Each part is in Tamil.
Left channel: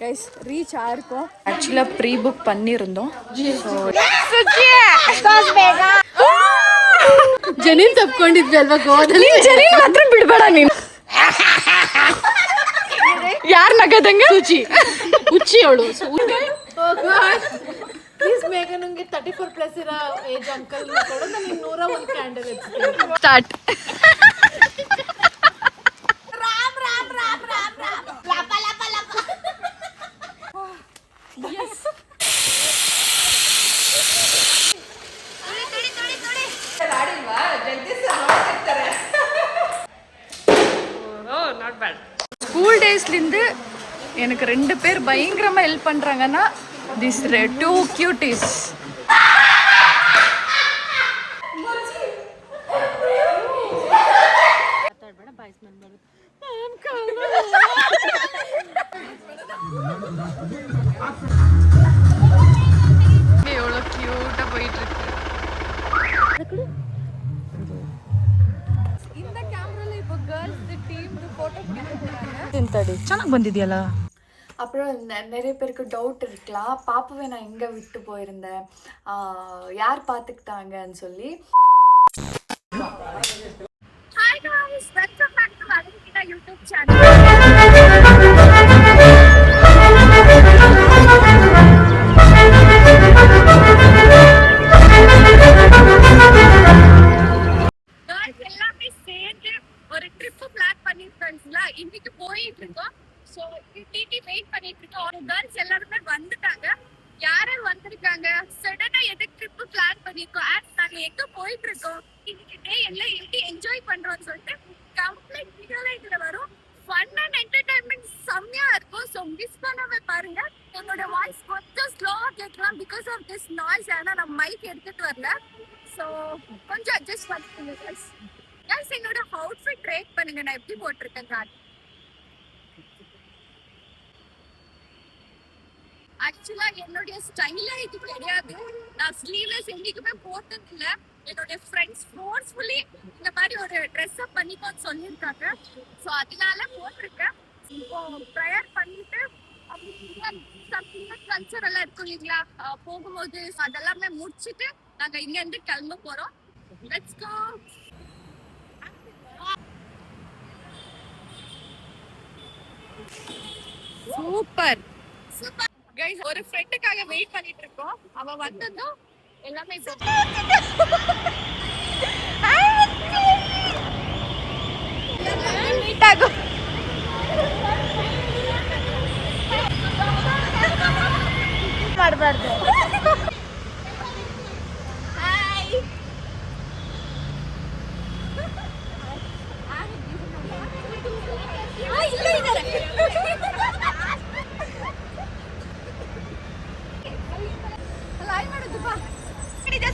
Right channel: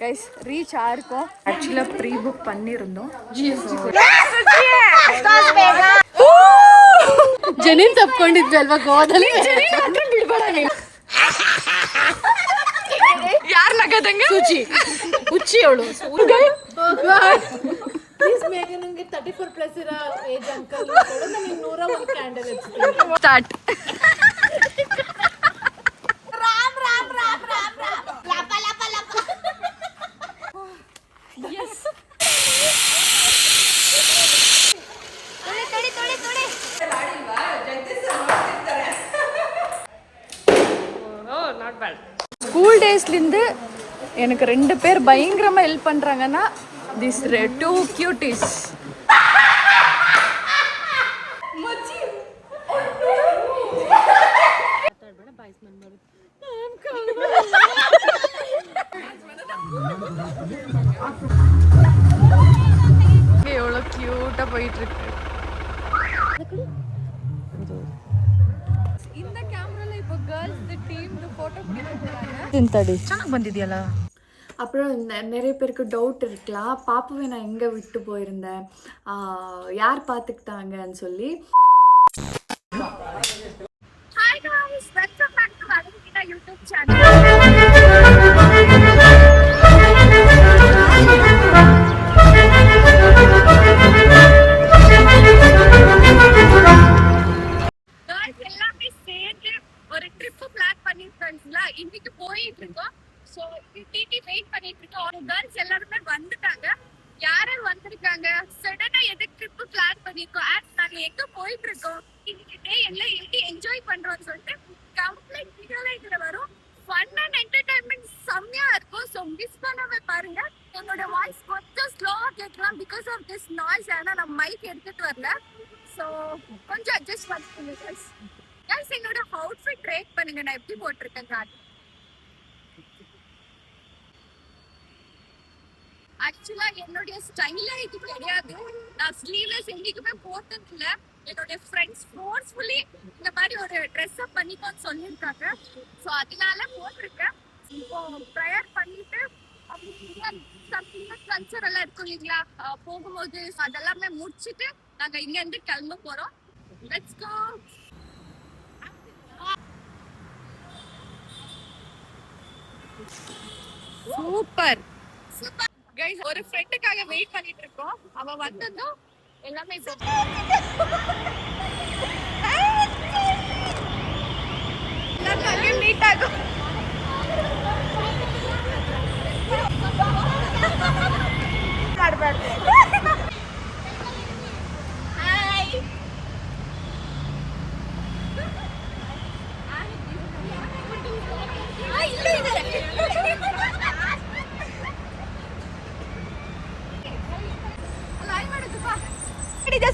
Guys reach ஆயிருக்கோம். ஆக்சுவலாக ப்ரீ புக் பண்ணியிருந்தோம். ಜನಿನ್ ತಪ್ಕೊಂಡಿದ್ವಲ್ವಾ ಗೋದಲ್ಲಿ. ಜನಿನ್ ಮಾತ್ರ ಬಿಡಬೇಡ ನೀನು. ಯಾರು ನಗದಂಗ ಸುಚಿ ಹುಚ್ಚಿ ಅವಳು. ಪ್ಲೀಸ್ ಬೇಗ ನಂಗೆ 34+ ಇರೋ ಏಜ್ ಅಂಕಲ್ ಕೊಡು, ನನಗೆ 101 ಕ್ಯಾಂಡಲ್ ಎತ್ತೀನಿ. ಸ್ಟಾರ್ಟ್. ರಾಮ್ ರಾಮ್ ರಾಮ್ ರಾಮ್ ರಾಮ್ ಲಪ ಲಪ ಲಪ. ಯಸ್. ஸ்கூல் டேஸ்லேருந்து எனக்கு 2 பேர் பயங்கரமாக ஹெல்ப் பண்ணுறாங்கன்னா திஸ் 2 cuties. எவ்வளோ க்யூட்டாக போயிட்டுருக்கு. இந்த கேமரால இப்போ கேர்ள்ஸ் டீம் ஃபோட்டோ பிடிக்க போறாங்க. ಚೆನ್ನಾಗಿ ಬಂದಿದೆಯಲ್ಲ. அப்புறம் நிறைய பேருக்கு டவுட் இருக்கலாம், பாப்பாவை நான் எங்கே விட்டு போயிருந்தேன், யார் பார்த்துக்கிட்டாங்கன்னு சொல்லி. Hi guys, welcome back to Alankitha YouTube channel. எல்லாமே சேர்ந்து ஒரு ட்ரிப் பிளான் பண்ணிருக்கோம்ல. இன்னைக்கு போயிட்டு இருக்கோம். சோ டிடி வெயிட் பண்ணிட்டு இருக்கோம். கேர்ள்ஸ் எல்லாரும் வந்துட்டாங்க. யார் வந்திருக்காங்க, சடனா எதுக்கு ட்ரிப் பிளான் பண்ணிருக்கோம், நாங்க எங்க போயிட்டு இருக்கோம், இன்னைக்கு டே எல்லாம் எப்படி என்ஜாய் பண்றோம்னு சொல்லிட்டு கம்ப்ளீட் வீடியோல இதுல வரும். ஃபன் அண்ட் என்டர்டைன்மெண்ட் செம்மையா இருக்கும். ஸோ மிஸ் பண்ணாம பாருங்க. என்னோட வாய்ஸ் கொஞ்சம் ஸ்லோவா கேட்கலாம் பிகாஸ் ஆஃப் திஸ் நாய்ஸ். ஏன்னா நான் மைக் எடுத்துட்டு வரல. ஸோ கொஞ்சம் அட்ஜஸ்ட் பண்ணிக்கோங்க கைஸ். கைஸ் என்னோட அவுட்ஃபிட் ரேட் பண்ணுங்க, நான் எப்படி போட்டிருக்கேன் காட்டு. ஆக்சுவலா என்னுடைய ஸ்டைலா இது கிடையாது. நான் ஸ்லீவ்லெஸ் எங்கேயுமே போட்டது இல்ல. என்னோட ஃப்ரெண்ட்ஸ் ஃபோர்ஸ்ஃபுல்லி இந்த மாதிரி ஒரு ட்ரெஸ் அப் பண்ணிக்கோன்னு சொல்லியிருக்காங்க. ஸோ அதனால போட்டிருக்கேன். இப்போ ப்ரேயர் பண்ணிட்டு கல்ச்சர் எல்லாம் இருக்கும் இல்லைங்களா, போகும்போது அதெல்லாமே முடிச்சுட்டு நாங்க இங்க இருந்து கிளம்ப போறோம். Let's go. Super super guys. ஒரு ஃப்ரெண்டுக்காக வெயிட் பண்ணிட்டு இருக்கோம். அவ வந்ததும் எல்லாமே மீட் ஆகும்.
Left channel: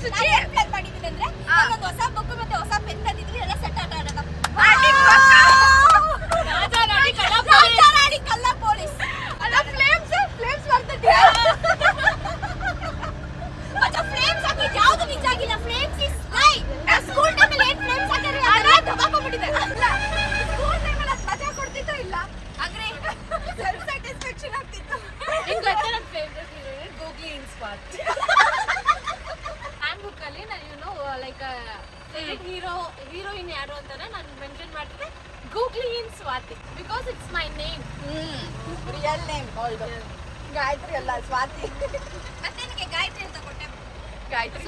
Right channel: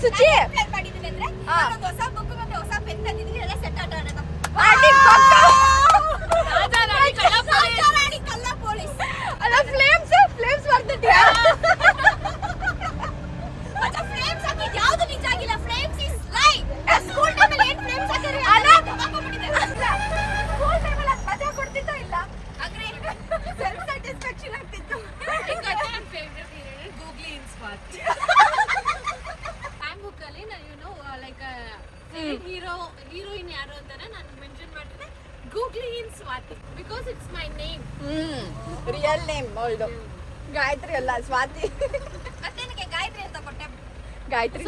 ಸುಚಿ ಮಾಡಿದ್ದೀನಿ ಅಂದ್ರೆ ಒಂದು ಹೊಸ ಬುಕ್ ಮತ್ತೆ ಹೊಸ ಪೆನ್ ತಂದಿದ್ದೀನಿ. ಎಲ್ಲ ಸೆಟ್ ಆಟ ಆಡೋಣ. ಕಲ್ಲ ಪೊಲೀಸ್ ಅಲ್ಲ ಫ್ಲೇಮ್ಸ್ ಬರ್ತಿದೆ. ಮತ್ತೆ ಫ್ಲೇಮ್ಸ್ ಹಾಕಿದ್ ಯಾವುದು ನಿಜ ಆಗಿಲ್ಲ. ಫ್ಲೇಮ್ಸ್ ಇಸ್ ಲೈ. ಸ್ಕೂಲ್ ಟೈಮಲ್ಲಿ ಏನ್ ಫ್ಲೇಮ್ಸ್ ಹಾಕಿದ್ರೆ ಅದೇ ತಗೊಂಡ್ಬಿಟ್ಟಿದೆ. ಸ್ಕೂಲ್ ಟೈಮಲ್ಲಿ ಅದು ಮಜಾ ಕೊಡ್ತಿತ್ತೋ ಇಲ್ಲ, ಅಂದ್ರೆ ಸೆಲ್ಫ್ ಸ್ಯಾಟಿಸ್ಫ್ಯಾಕ್ಷನ್ ಆಗ್ತಿತ್ತು. ಈಗ ಗೊತ್ತಾ ನನ್ನ favourite heroine Googly in spot. Hand book ಅಲ್ಲಿ ನಾನು ಲೈಕ್ ಹೀರೋಯಿನ್ ಯಾರು ಅಂತಾನೆ ನಾನು ಮೆನ್ಷನ್ ಮಾಡ್ತೀನಿ, Googly in Swathi, because it's my name. Real name Gayathri ಅಲ್ಲ, ಸ್ವಾತಿ. ಮತ್ತೆ ನನಗೆ ಗಾಯತ್ರಿ ಅಂತ ಕೊಟ್ಟೆ. ಗಾಯತ್ರಿ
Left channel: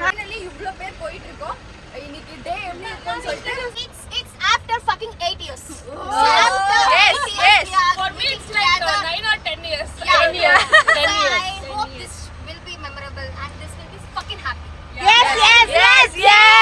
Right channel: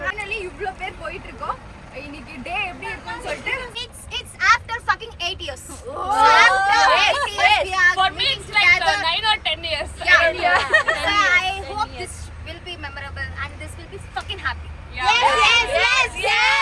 ஃபைனலி இவ்ளோ பேர் போயிட்டு இருக்கோம். இன்னைக்கு டே எப்படி இருக்கும்னு சொல்லிட்டு it's after fucking 8 years. Yes. For me it's like 9 or 10 years. Yeah. I hope this will be memorable and this will be fucking happy. Yes.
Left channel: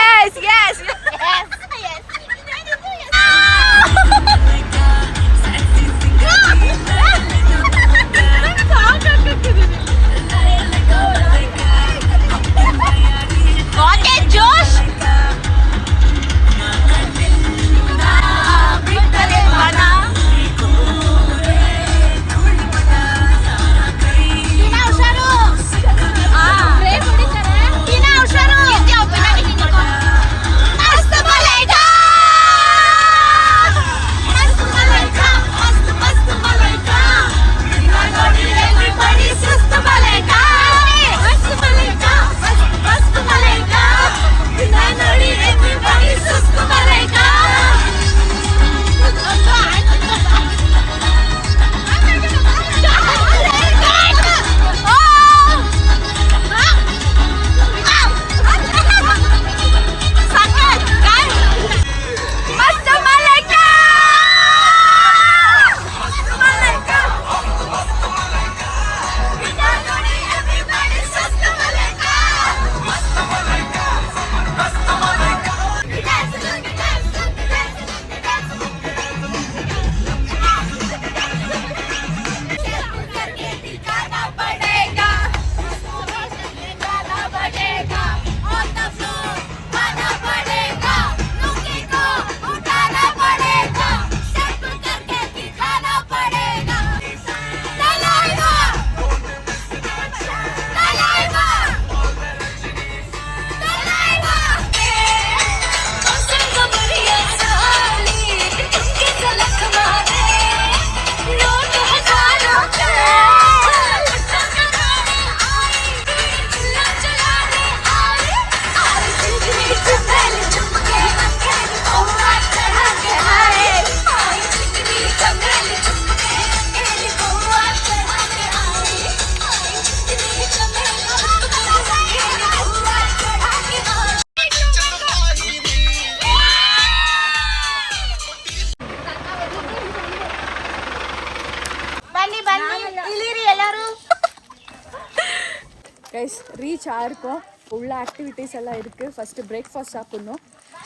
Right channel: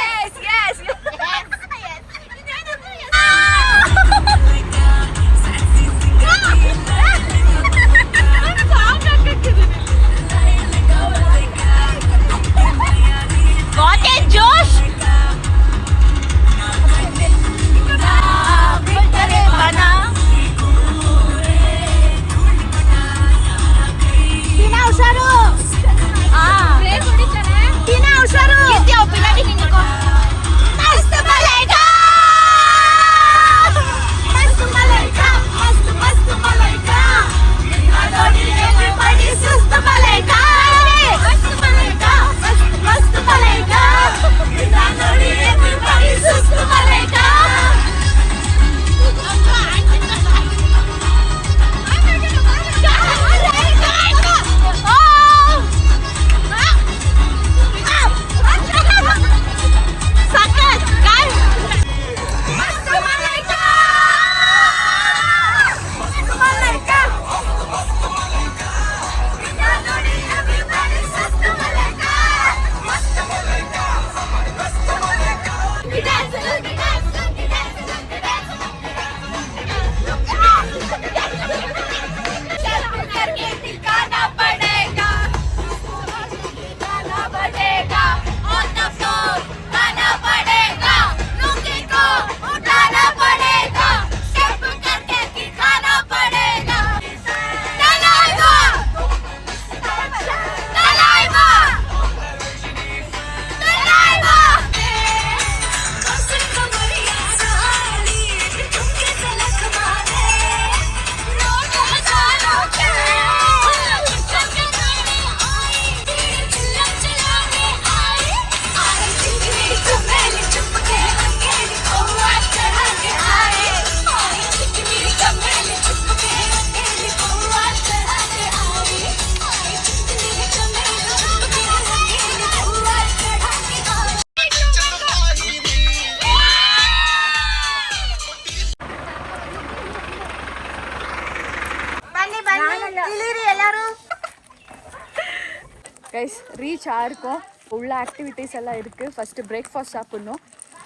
Guys reach ஆயிருக்கோம். உள்ள ஆக்டிவிட்டீஸ் எல்லாம் இருக்குது. ஃபஸ்ட்டு பிரேக்ஃபாஸ்ட் சாப்பிட்ணும்.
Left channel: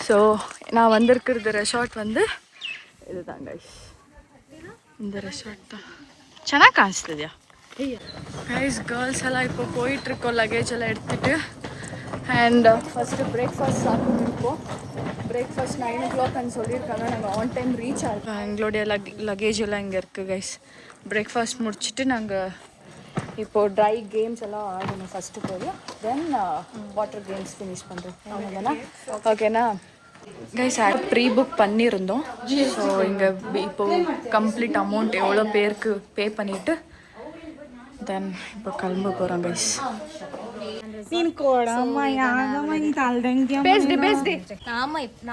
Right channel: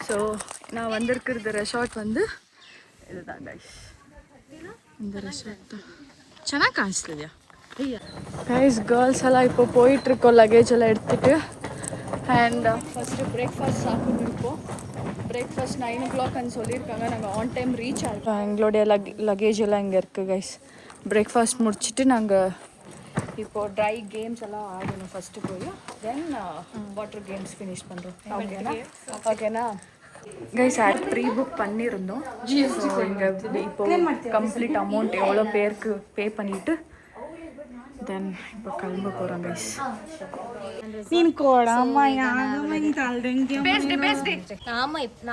ஸோ நான் வந்திருக்கிறது ரெசார்ட் வந்து இதுதான் கைஸ். இந்த ரெசார்ட் தான் ಚೆನ್ನಾಗಿ ಕಾಣಿಸ್ತಿದ್ಯಾ கைஸ். கேர்ள்ஸ் எல்லாம் இப்போ போயிட்டுருக்கோம் லக்கேஜ் எல்லாம் எடுத்துகிட்டு. அண்ட் ஃபஸ்ட்டு பிரேக்ஃபாஸ்ட் சாப்பிட்டு இருக்கோம். பிரேக்ஃபாஸ்ட் 9 o'clock சொல்லியிருக்காங்க. நாங்கள் ஆன் டைம் ரீச் ஆகிருக்கோம். எங்களுடைய லக்கேஜ் எல்லாம் இங்கே இருக்குது கைஸ். பிரேக்ஃபாஸ்ட் முடிச்சுட்டு நாங்கள் இப்போது ட்ரை கேம்ஸ் எல்லாம் ஆடணும் ஃபஸ்ட்டு போய். தென் வாட்டர் கேம்ஸ் ஃபினிஷ் பண்ணுறோம். ஓகேண்ணா கைஸ்? ப்ரீ புக் பண்ணியிருந்தோம். ஸோ இங்கே இப்போது கம்ப்ளீட் அமௌண்ட் எவ்வளோ பேருக்கு பே பண்ணிவிட்டு தென் இப்போ கிளம்ப போகிறோம் கைஸ்.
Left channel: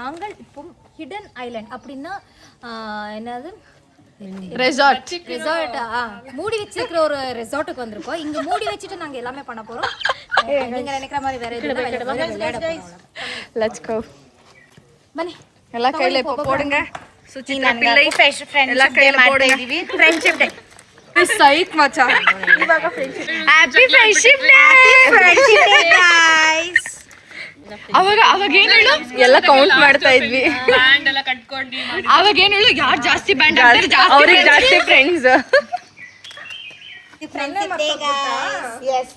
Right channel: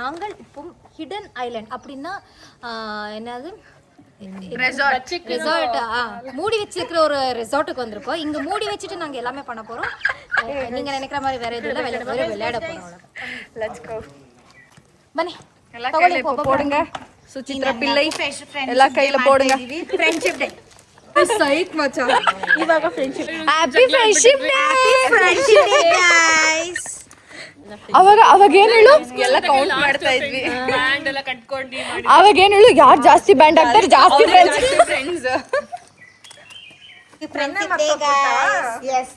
நாங்கள் இப்போ ஹிடன் ஐலண்ட் அப்படின்னா என்னது ரெசார்ட் மூடி வச்சிருக்கிற ஒரு ரெசார்ட்டுக்கு வந்திருக்கோம். இங்க மூடி வச்சுட்டு நாங்க எல்லாமே பண்ண போறோம். நீங்க நினைக்கிற மாதிரி வேற எதுவும் இல்ல, விளையாட போறோம். Let's go. பனி எல்லா கையில இப்போ போடுங்க. சுசித்ரா பிள்ளை எல்லா கையில போடுங்க. ஃப்ரெண்ட்ஷிப் டே சைக் மச்சான். Happy friendship day. Friendship day guys. ಅವಾಗ ಏನು ಹೇಳು? ಎಲ್ಲ ಕೌಂಟ್ ಮಾಡ್ತಾ ಇದ್ವಿ. ಬ್ಯಾಂಡ್ ಎಲ್ಲ ಕಟ್ಕೊಂಡು ಅವಾಗ ಏನು ಹೇಳು? ಯಾರು ಜಾಸ್ತಿ ಬ್ಯಾಂಡ್ ಹಾಕ್ತಾರೆ ಜಾಸ್ತಿ friends. Friendship day guys. Yes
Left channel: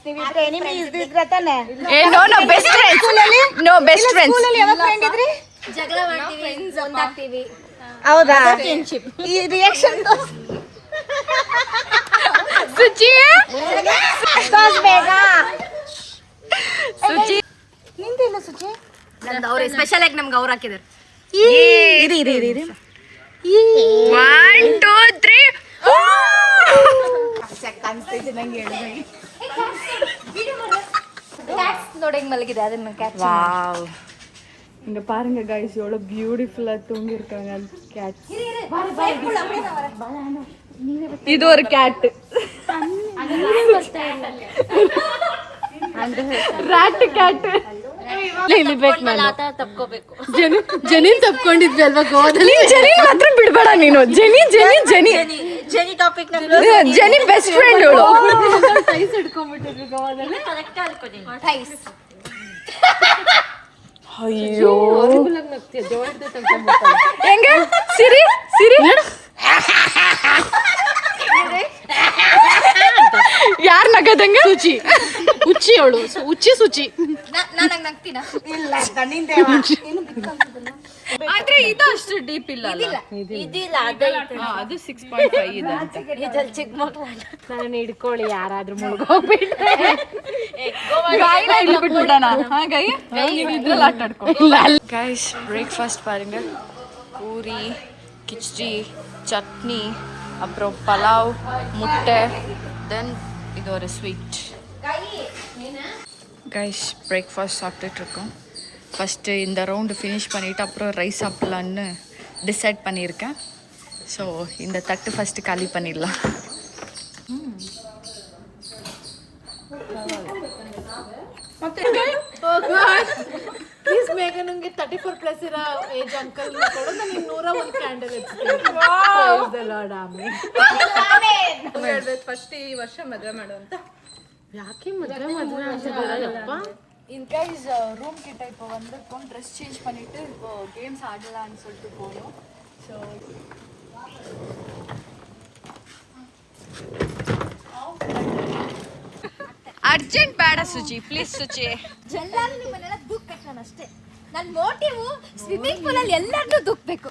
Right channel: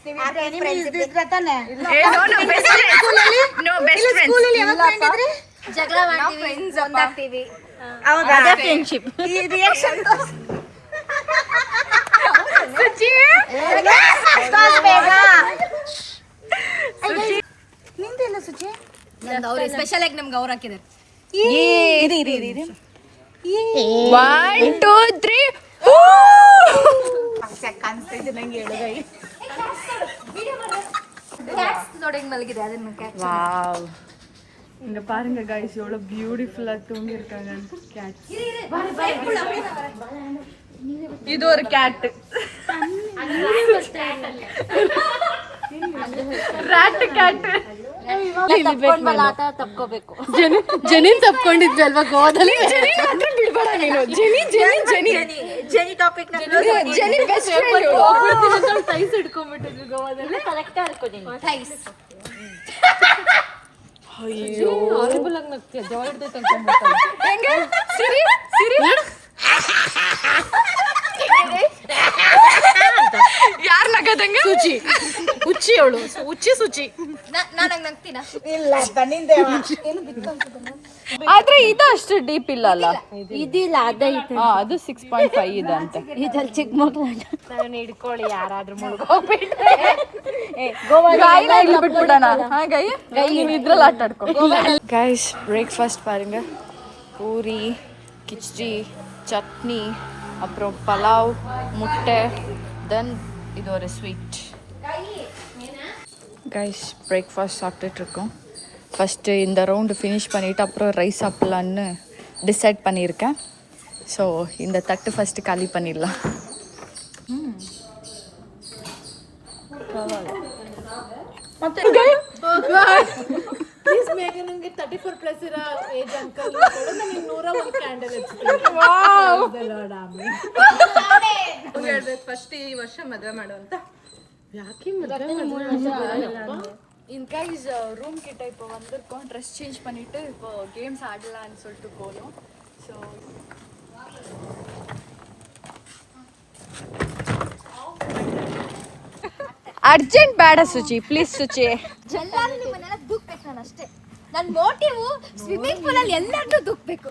enemies ಬಿಟ್ರೆ ತಾನೆ. No best friends. No best friends. School ಅಲ್ಲಿ ಯಾವ ಫ್ರೆಂಡ್ ಇದ್ರಿ? ಜಗಳ ಮಾಡ್ತೀವಿ, ಒಂದಾಗ್ತೀವಿ. ಹೌದಾ? ಫ್ರೆಂಡ್ಶಿಪ್. ಈ ರಿಯಾಕ್ಷನ್ ಸುಚಿ ಬೇಡ. ಸುಚಿ ನಿಂದಿಲ್ಲ ಸುಚಿ. ನಂದು ಅವ್ರು ಸ್ಪೆಷಲ್ ಆಗಿ ನಮ್ಗೆ ಅವ್ರು ಹಾಕಿದ್ದಾರೆ. 1 2 3 ಕ್ಯಾಟ್ಸ್ ನೋಡಂಗ್ ಮಲಗಿದೆ ಅದನ್ನ ಕ್ಯಾಟ್ಸ್. வாவ். இங்க பாருங்க गाइस எவ்வளவு பியூட்டிஃபுல்லா தூங்கி இருக்காங்க கேட்ஸ். இது ஒரு கேட். Rat cat. ತಪ್ಕೋಬೇಕು. ಜನಿನ್ ತಪ್ಕೊಂಡಿದ್ವಲ್ವಾ ಗೋವಾದಲ್ಲಿ. ಜೆನಿ ಮಾತ್ರ ಬಿಡಬೇಡ ನೀನು. Jenny topic Jenny best friend ಇವಳು. ಟೈಸ್ ಹಿಡ್ಕೊಂಡ್ಬಿಟ್ಟಿದ್ವಿ ಗೋವಾದಲ್ಲಿ. ಕರೆಕ್ಟ್ ಅನ್ಕೋತೀನಿ. ಥೈಸ್. ಅಯ್ಯೋ ಹಾರಿಬಲ್ ಆಗಿ ನಗ್ತೀಯ. ಜೋರ್ದು ತಗೊಂಡ್ಬಿಡ್ತಾಳೆ. ಹೆಂಗೆ? ಸಿರಿ ಯಾರ್ ನಗದಂಗ? ಸುಚಿ ಹುಚ್ಚಿ ಅವಳು. ಹುಚ್ಚಿ ನಾನಾಗ ನಗ್ತೀನ ಇಲ್ಲ ತನ್ನಿಂದೇವ ಆದ್ರೆ ಇದು ಅಷ್ಟು ಡೀಪ್ ಇಲ್ಲ ಅಲ್ಲ. ಇದಿಲ್ಲ ಅದೈತಿ. ಅದು 6.5 ಇದೆ ಅಂತ. ಇದ್ರಲ್ಲಿ ಚಿಕ್ಕ ಮಕ್ಳು ನಾನು ಹಿಡ್ಕೊಳ್ಳಿ ಯಾರಾದ್ರೂ ಮುಳುಗೋಗ್ಬಿಟ್ರೆ ಗಾಯಿನ ಇಲ್ಲಿ ಬಿಟ್ಬಿಡೋಣ. ಗೈ ನೀನು ಇದ್ರಲ್ಲಿ ಆಟ ಆಡ್ಕೊ. ಗೈಸ್ ಬ್ರೇಕ್ಫಾಸ್ಟ್ பாருங்க. பூரி, கிச்சடி, சட்னி, அப்புறம் பலாவ், முட்டை, தென் இது ஒரு ஸ்வீட். கைஸ் பிரேக்ஃபாஸ்ட் சாப்பிட்டுட்டு இருக்கோம். ஃபஸ்ட்டு இந்த ரவுண்டு ஃபினிஷ் பண்ணிவிட்டு அப்புறம் ரைஸ் சாப்பிட்லான்னு டிசைட் பண்ணியிருக்கேன். ஸோ இந்த தட்டு ஃபஸ்ட்டு காலி பண்ணிடலாம். ಪ್ಲೀಸ್ ಬೇಗ ನಂಗೆ 34+ ಇರೋ ಏಜ್ ಅಂಕಲ್ ಕೊಡು. ನಾನು 101 ಕ್ಯಾಂಡಲ್ ಹಚ್ಚಿದ್ದೀನಿ. ಫಸ್ಟ್ ಈ ವರ್ಷ ಮದುವೆ ಮಾಡು ಅಂತ. ಯಾಕೆ ಮದುವೆ ಅಂತಿದ್ದೀರಪ್ಪ? இன் கைஸ் ரூம் கிட்ட இப்போ வந்திருக்கோம். ட்ரெஸ் சேஞ்ச் பண்ணிவிட்டு இப்போ கேம்ஸ் ஆடலான்னு சொல்லிட்டு போகணும். ஸோ ಅರ್ಜೆಂಟ್ ಬೇಡ ಸುಚಿ, ಪ್ಲೀಸ್ ಸುಚಿ. ಎಲ್ಲರೂ ನಿಮ್ಮನ್ನೆಲ್ಲ ದೂಕ್ಬೇಕು. ನಾನು ಅಷ್ಟೇ. ನನ್ನ ಮೋಟಿವ್ ಸ್ವಿಮ್ಮಿಂಗ್ ಪೂಲ್ ಅಲ್ಲಿ ಎಲ್ಲರೂ ದೂಕ್ಬೇಕು.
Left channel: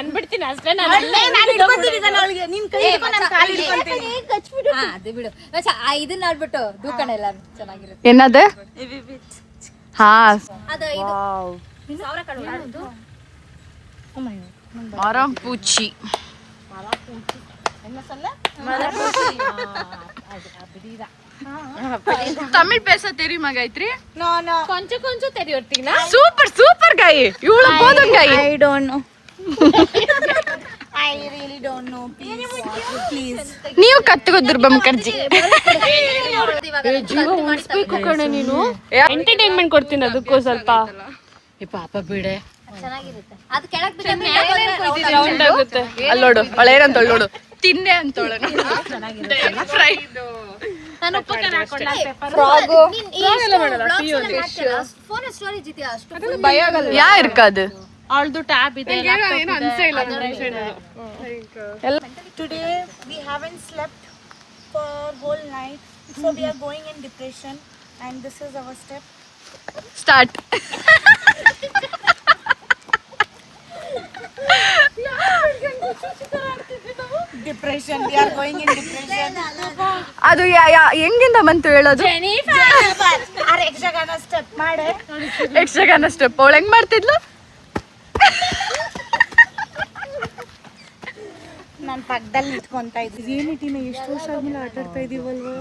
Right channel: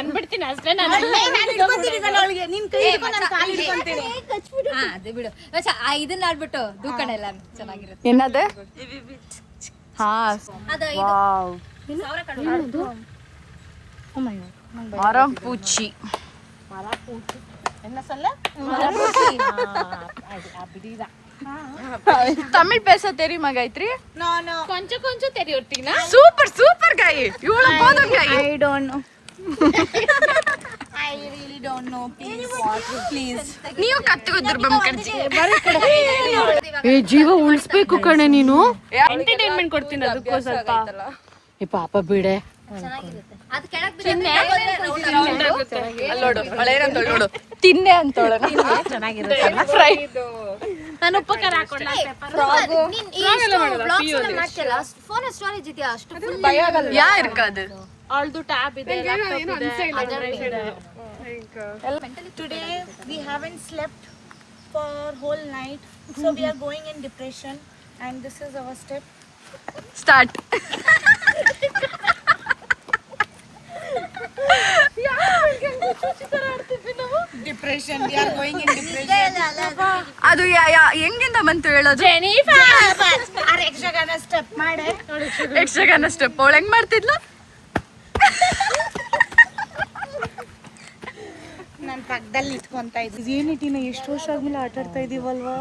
ಅನ್ಬಿಡ್ತೀನಿ ಅಷ್ಟೇ. ನಾನು ಅದು ಬಿಡು. ಇದನ್ನ ಆಡ್ಬಿಟ್ಟು ದೂಕಣ ಎಲ್ಲ ಚೆನ್ನಾಗಿರುತ್ತೆ. ಏನದು? ಹಾ ಅದು ವಾವ್. ಮರಂ ಪೂಚಿ. என்ன சொல்ல அப்படிதான் தமிழ் பேச தெரியுமா காயத்ரி? கொஞ்சம் கொஞ்சம் தெரியும். சூப்பர் சூப்பர் காய், இவ்வளவு போதும் காய். I don't know. I really don't know. Please. ನೀವು ಕತ್ತುಕೋ ದುರ್ಬಾ ಮುಖರ್ಜಿ. ಜೀವ ಉಳಿಸ್ಬೇಕು ಕಣೆ ನೀನು. ಎಂಟರ್ಟೈನ್ಮೆಂಟ್ ಕೊಡ್ತೀನಿ ಅದಕ್ಕೂ ಸ್ವಲ್ಪ. ಈ ಪಾಪ ಬಿಡೆ. ಚೆನ್ನಾಗಿರುತ್ತೆ. ಅದು ಕೆಳಗೆ ಅಲ್ಲೋಡು ಅವಳೇನಂತ ನೋಡು, ತಿನ್ನೆ ಅಂತೋಳ ಫ್ರೈ. ನಾನು ಉಪಕಾರ ಹಾಕೊಂಡ ಫೋನ್ ಸ್ಟೋರೇಜ್ ಇದೆಯಾ ಅಷ್ಟು ಯಾ ಇರ್ಕಾದು ಆಲ್ದು ಟ್ಯಾಬ್ ಇದೆ. Today we haven't slept for whole night, so we are going in depression, and this is our step. Start. Depression. We are going in depression. ಅದು ಹೆಂಗಿಂದ ಬಂತು ಹೇಳೋದು? Our ಯಕ್ಷಗಾನ step ಮಾಡೆ. ಯಕ್ಷಗಾನ ಸ್ಟೆಪ್ ಅವಳು ಹೆಂಗ್ ಮಾಡ್ತಿದ್ಲು? ನಾನು ಪಕ್ಕದಲ್ಲಿ ನಿಂತ್ಕೊಂತ ಇದ್ದೆ. ಏನಿಟಿನ ಎಷ್ಟು ವರ್ಷ ಆದ್ಮೇಲೆ ಆಟ ಆಡ್ತಾ ಇದೀವಲ್ವಾ?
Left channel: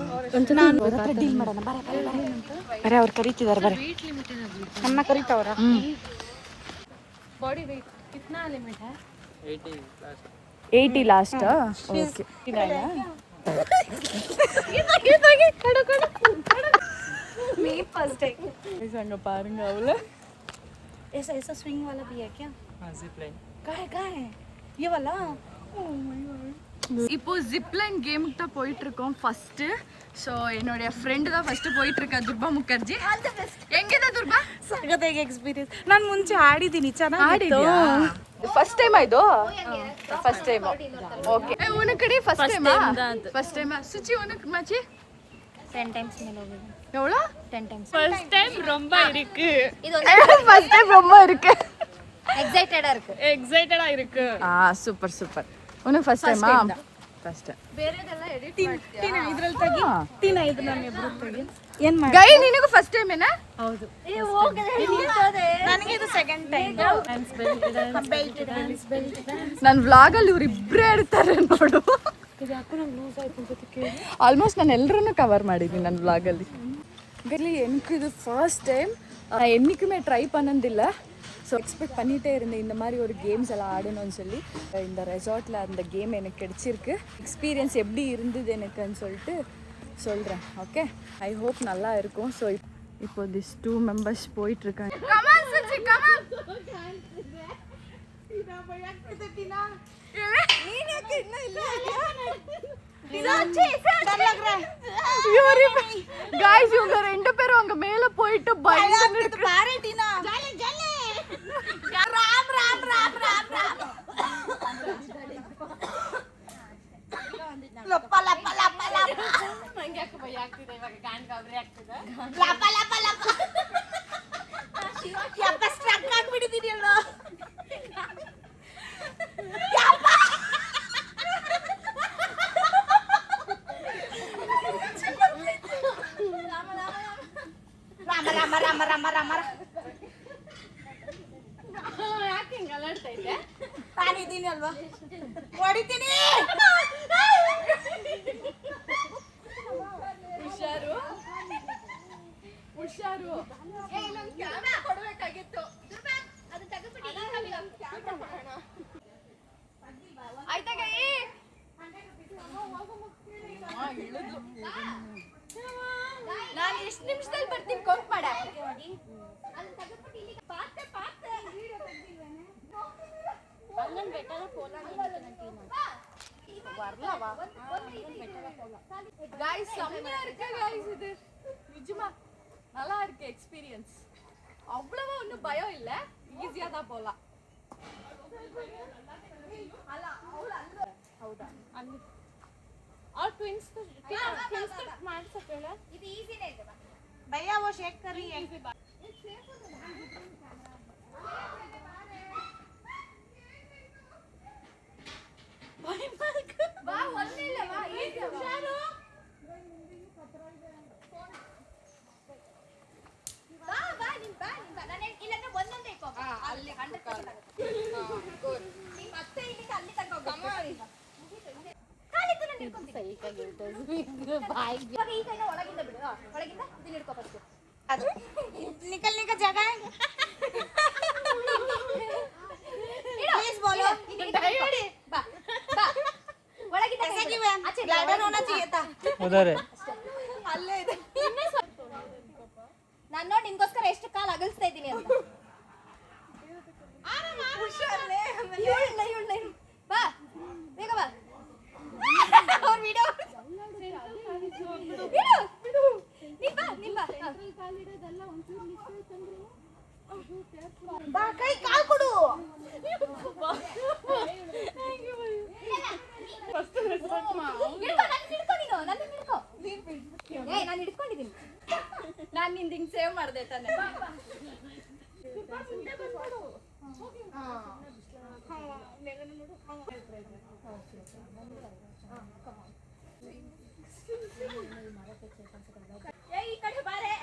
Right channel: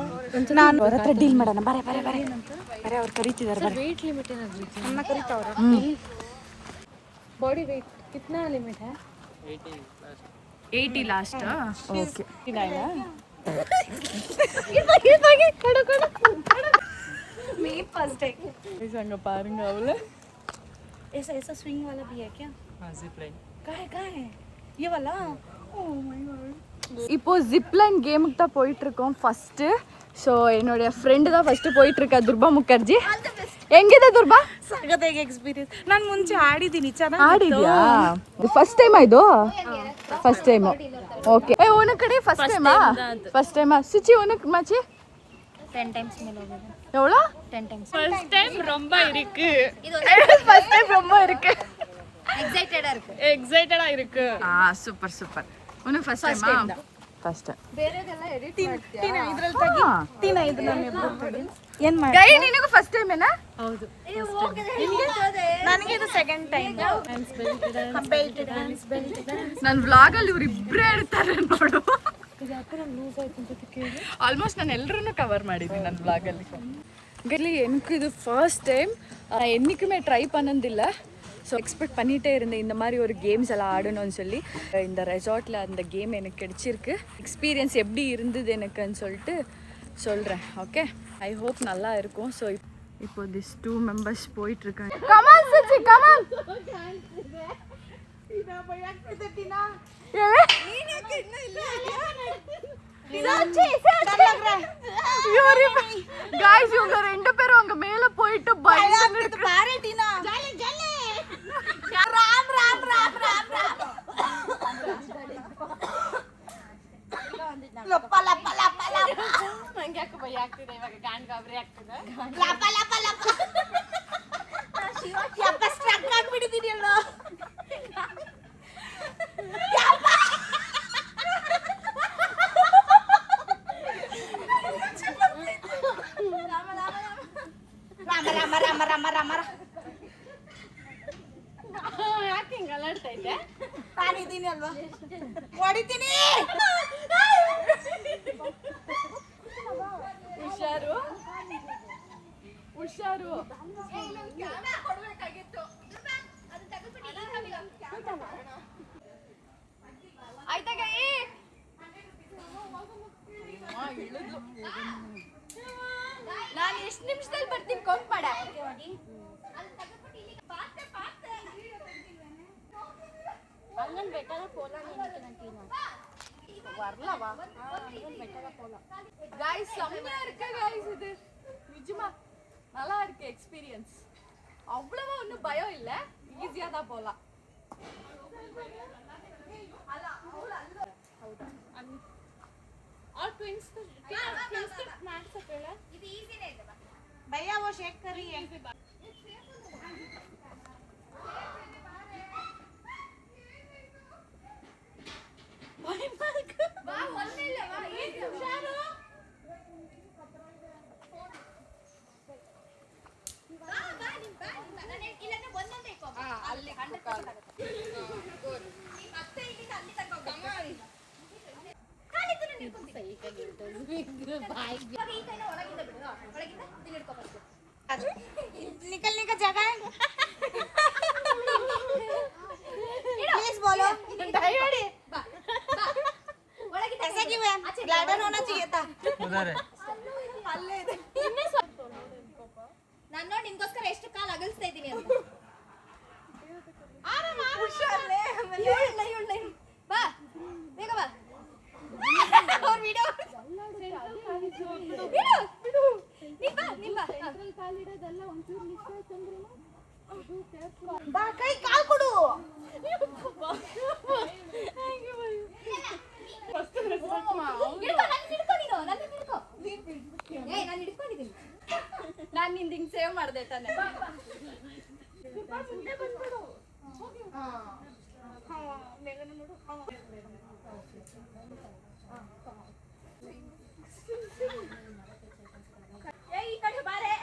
ನಾನು ಅವ್ರ ಹತ್ರ ಡೀಲ್ ಮಾಡೋಣ. ಬರೇ ಬರೇ ಅವ್ರು ಕರೀತಿದಾರೆ. ಬರೇ ಅಮ್ಮ ಕರೀತಾವ್ರ. बॉडी वेट कितना लिमिट है? 80 ಲಾಸ್ಟ್. ಓಕೆ मैं फर्स्ट है. ಸಂಗ ಪಾರುಂಗ ಅವಳು. ऐसा स्विंग वाला भी है क्या? हाँ जिप लाइन. कहाँ है ये वाला? Oh my god. இப்போ ஜிப்லைன் கேமுக்கு தான் போயிட்டு இருக்கோம் ஃபர்ஸ்ட். ஸோ என்னுடைய ஃப்ரெண்டு தான் ஃபர்ஸ்ட் போயிட்டு இருக்கா, ದುರ್ಬಾ ಮುಖರ್ಜಿ. ಹೆಂಗಿದೆ ದುರ್ಬಾ? ಸಗದಾಗಿ ಎಕ್ಸ್ಪೀರಿಯನ್ಸ್. ನಾನು ಮುಂಚೆ ಆಡಿದ್ದೀನಿ, ಚೆನ್ನಾಗಿ ಆಡಿದ್ಯಾ? ಫಸ್ಟ್ ಟೈಮ್ ಇದು? First time. ಓಕೆ. ಏ ಉನಕ್ ಕಡೆ ಫಸ್ಟ್ ಟೈಮಾ? ಫಸ್ಟ್ ಟೈಮಾ ಸುಚಿ ಉನಕ್ ಮಚೆ 10 times மேல ಹೋಗಿದೆ. எவ்வளோ? 10 times. फर्स्ट टाइम ரொம்ப இருக்கு. இது ஃபர்ஸ்ட் டைம் ரொம்ப இருக்கு. எக்ஸைட்டடா இருக்கு. ಎಕ್ಸೈಟೆಡ್ ಆಗಿருக்கு. Super super. ಉನಕ್ ಫಸ್ಟ್ ಟೈಮಾ? First time. ಬೇರೆದೆಲ್ಲ ಎಡಿಟ್ ಟೀನಾ ಇದ್ರಲ್ಲಿ ತೆಗಿ. ಟೀನಾ ಇದು ನಮ್ಮ ಇಬ್ರು ತೆಗಿ. ಏನ್ ಮಾಡಿ? ಗೈ ನಿನಗೂ ಫಸ್ಟ್ ಟೈಮ್ ಏನಾ? ಹೌದು. ನನಗೆ ಇದು ಸೆಕೆಂಡ್ ಟೈಮ್. ನನ್ನ ವ್ಲಾಗಲ್ಲಿ ಇವ್ರು ಇಬ್ಬರೇ ಇರ್ತಾರೆ ನೋಡು. ಆಲ್ಮೋಸ್ಟ್ ನಾನು ಎಲ್ಲರನ್ನೂ ಕವರ್ ಮಾಡಿದ್ದೀನಿ ನನ್ನ ವ್ಲಾಗಲ್ಲಿ. ಗಲ್ಲಿ எனக்கு இது ஃபர்ஸ்ட் டைம். என்றைக்குமே ட்ரை பண்ணதில்லை. ஸோ எக்ஸ்பெக்ட் பண்ணிகிட்டே இருந்தேன் இந்த மாதிரி ஒரு கேம்ஸ் எல்லாம் ஆடணும்னு சொல்லி. இந்த ரெசார்ட்டில் அந்த கேம் எனக்கு கிடைச்சிருக்கு. எக்ஸ்பீரியன்ஸ் எப்படி இருந்தது எனக்குன்னு சொல்லிட்டு சொல்கிறேன். ஓகே, ஐ ஹோப் நல்லா இருக்கும். ஸோ இப்போ திஸ் 2 மெம்பர்ஸ் போயிட்டுருக்காங்க. Come on Suchi come on. गाइस இவங்க ரெண்டு பேரும் அங்க மேல போயிட்டு பயந்துட்டு பாரு டீனா. Jolly jolly. ராம் ராம் ராம் ராம் ராம். ಲಪ್ಪ ಲಪ್ಪ ಲಪ್ಪ ಲಪ್ಪ. ನಂಗೆ ಯಾಕೆ ಭಯ ಆಗ್ತಿದೆ ಇವಾಗ, ಗಾಂಡ್ ಗಾಬರಿ ಆಗ್ತಿದೆ. ಲಪ್ಪ ಲಪ್ಪ ಲಪ್ಪ. ಯಪ್ಪ ಸ್ಟ್ರಕ್ ಆಗ್ಬಿಟ್ಟಿದೀಯಲ್ಲ. ರಾಮ ರಾಮ ರಾಮ ರಾಮ ರಾಮ. ಯಾಕೆ ಹಿಂಗೆ ಅಲ್ಲಾಡ್ತಾ ಇದ್ದೆ? ನಾನಿದ್ದೀನಿ ಅಲ್ವಾ, ಹೊಡಿತೀನಿ. ಹುಷಾರು ಹುಷಾರು. ಆಯ್ತಾ ಗೈ? ನಾನು ಎಷ್ಟು ನಿಮಿಷದಲ್ಲಿ ಬರ್ತೀನಿ ಕೌಂಟ್ ಮಾಡ. அங்கன் பெட்டரா போலாம் நினைக்கிறேன் டீனா. வரலவா? அங்கன் பெட்டரா போலாம். गाइस செம்மையா இருக்கு गाइस. இது நிஜமா நல்லா இருக்கு எக்ஸ்பீரியன்ஸ். அவ்வளவா ஒன்றும் பயம் இல்லை, ஈஸியாக தான் போகலாம். ಹೌದಾ? और ट्विंस को मार सकते हैं. இது ஈஸிನೇ ಇದೆ. भैया वो शेक करिए. निकल निकल जगह है प्लीज बोलो ऐसा क्यों है ग्लाइडर होना चाहिए था उधर है ಅಲ್ಲೇ ಇದೆ ನಾನು ನೋಡಿ ನಿನ್ಗೋಸ್ಕರ ಎಷ್ಟು ಕಾಲ್ ಅಗಲ್ಸ್ತಾ ಇದ್ದೀನಿ ಅಂತ ಬಾ ಬೇಗ ಬಾ ಅವ್ರ ವಿಡಿಯೋ ಬಾ ಕೈ ಕಾಲ್ ಕೊಡು ನಾನು ಹಿಡ್ಕೊಂಡಿದ್ದೀನಿ ನಾನು ನಿಂದು ಹಿಂಗೆ ಸೇವ್ ಮಾಡಿದೆ ತಾನೆ. ಈ ಕಡೆ ಬಾರೆ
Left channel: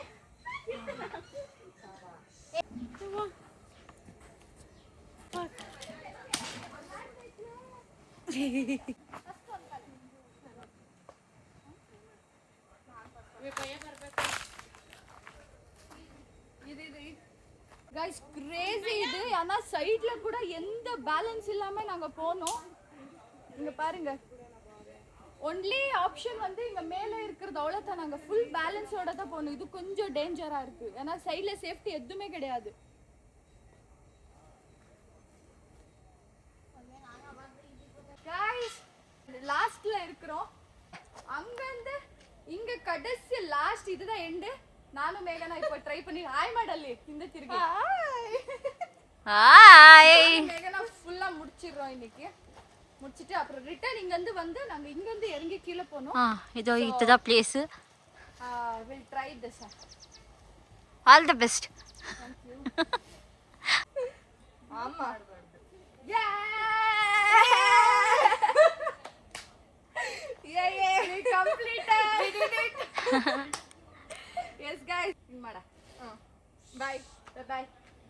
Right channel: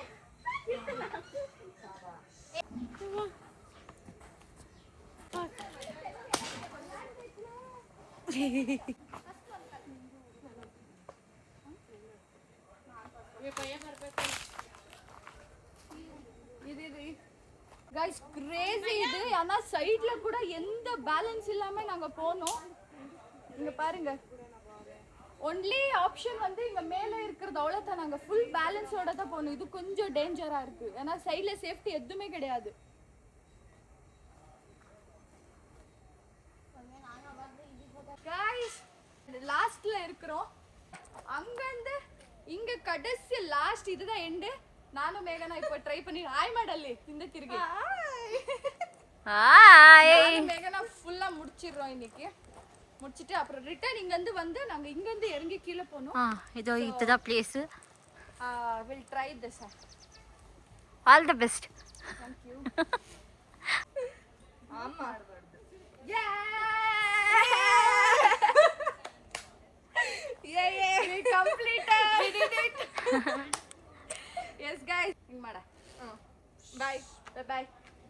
கைஸ் கிரேசி இது. ஆனா சைடுல கூட எந்த பேலன்ஸ் இல்லாம நாங்க போனோம். இங்க பாருங்க, ஒன்லி ஆப்ஷன் வந்து இங்க மேல இருக்கிறது அவ்வளவுதான். நாங்க ஃபுல் பேலன்ஸோட தான் போனோம். இது கொஞ்சம் டேஞ்சரா இருக்கு, ஏன்னா சைடுல சேஃப்டி எதுவுமே கிடையாது. கைஸ் லாஸ்ட்ல இருக்கிறோம். அங்கிருந்து இங்க கடைசி லாஸ்ட் இதுதான் எண்டு. ನಾನು ಮೇಘನಾ இப்போ ಟ್ರೈ பண்ணி ಹಾಯ್ ಮಾಡಲ್ಲಿ ಹಿಂದೆ ತಿರುಗಿ ஹாய் மேகனா ஃபுல்லா முடிச்சிடுறோம் இன்னைக்கு. முடிச்சிட்டு அப்புறம் ரிட்டர்ன் இங்கேருந்து வந்து நாங்கள் இங்கேருந்து இறங்கி கீழே போனோம். இதோ இதுதான் place. Will try this. All the best. Thank you. ஆமா we completed. We did it. Yes guys, இங்க மாடா. Bye bye.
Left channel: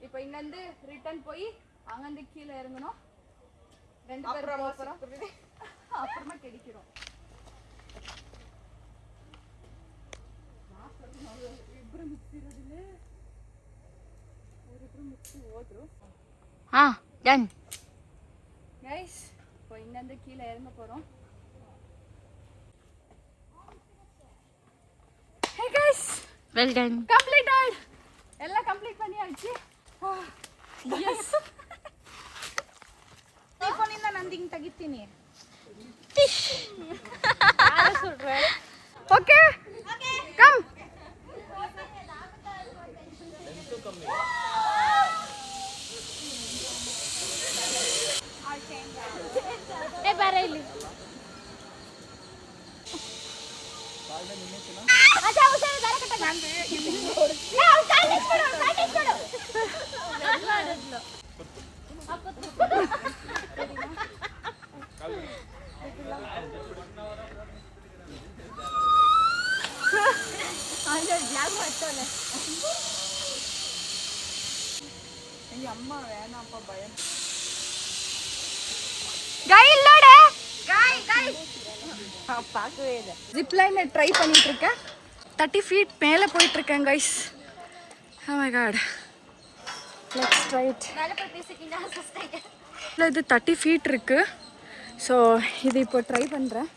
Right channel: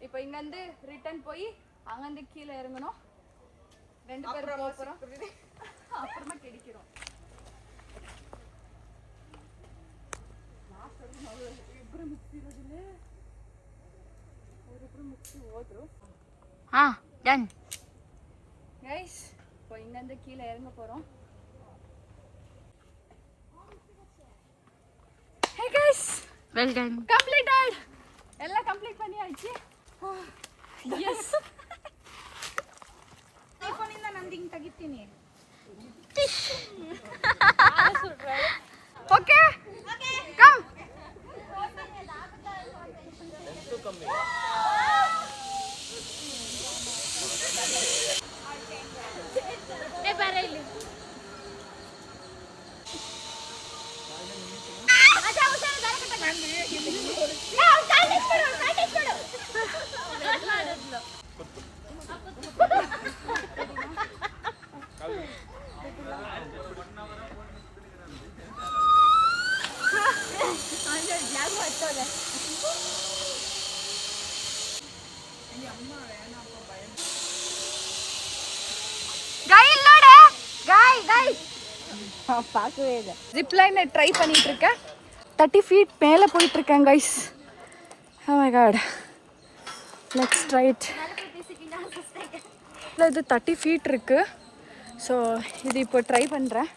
இப்போ இங்கேருந்து ரிட்டர்ன் போய் அங்கேருந்து கீழே இறங்கணும். ரெண்டு பேரும் போகிறோம், அப்புறமா கிடைக்கிறோம். ಇಬ್ಬರು ಮುಗಿಸಿರೋದಿಲ್ಲ, ಅವರಿಬ್ಬರು ಮುಗಿಸಿ ಹೋದ್ರು. டன் கைஸ் இப்போ இங்கேருந்து கீழே இறங்க போகிறோம். Hey guys, well done. Completed. ಎಲ್ಲ ಕಂಪ್ಲೀಟ್ பண்ணியாச்சு. ಎಸ್, ಐಫೋನಿಂದ ನಂದು ಹಿಂಗೆ ತೆಗಿತೀನಿ. Okay come. ஜிப்லைனை ட்ரை பண்ணிட்டு இருக்கேன். 30 feet மேலே போயிட்டு இருக்கேன் guys. Oh my God, next right. இல்லை, இது 30 feet இருக்கு. ஸோ இது இப்போ ட்ரை பண்ணுறேன்.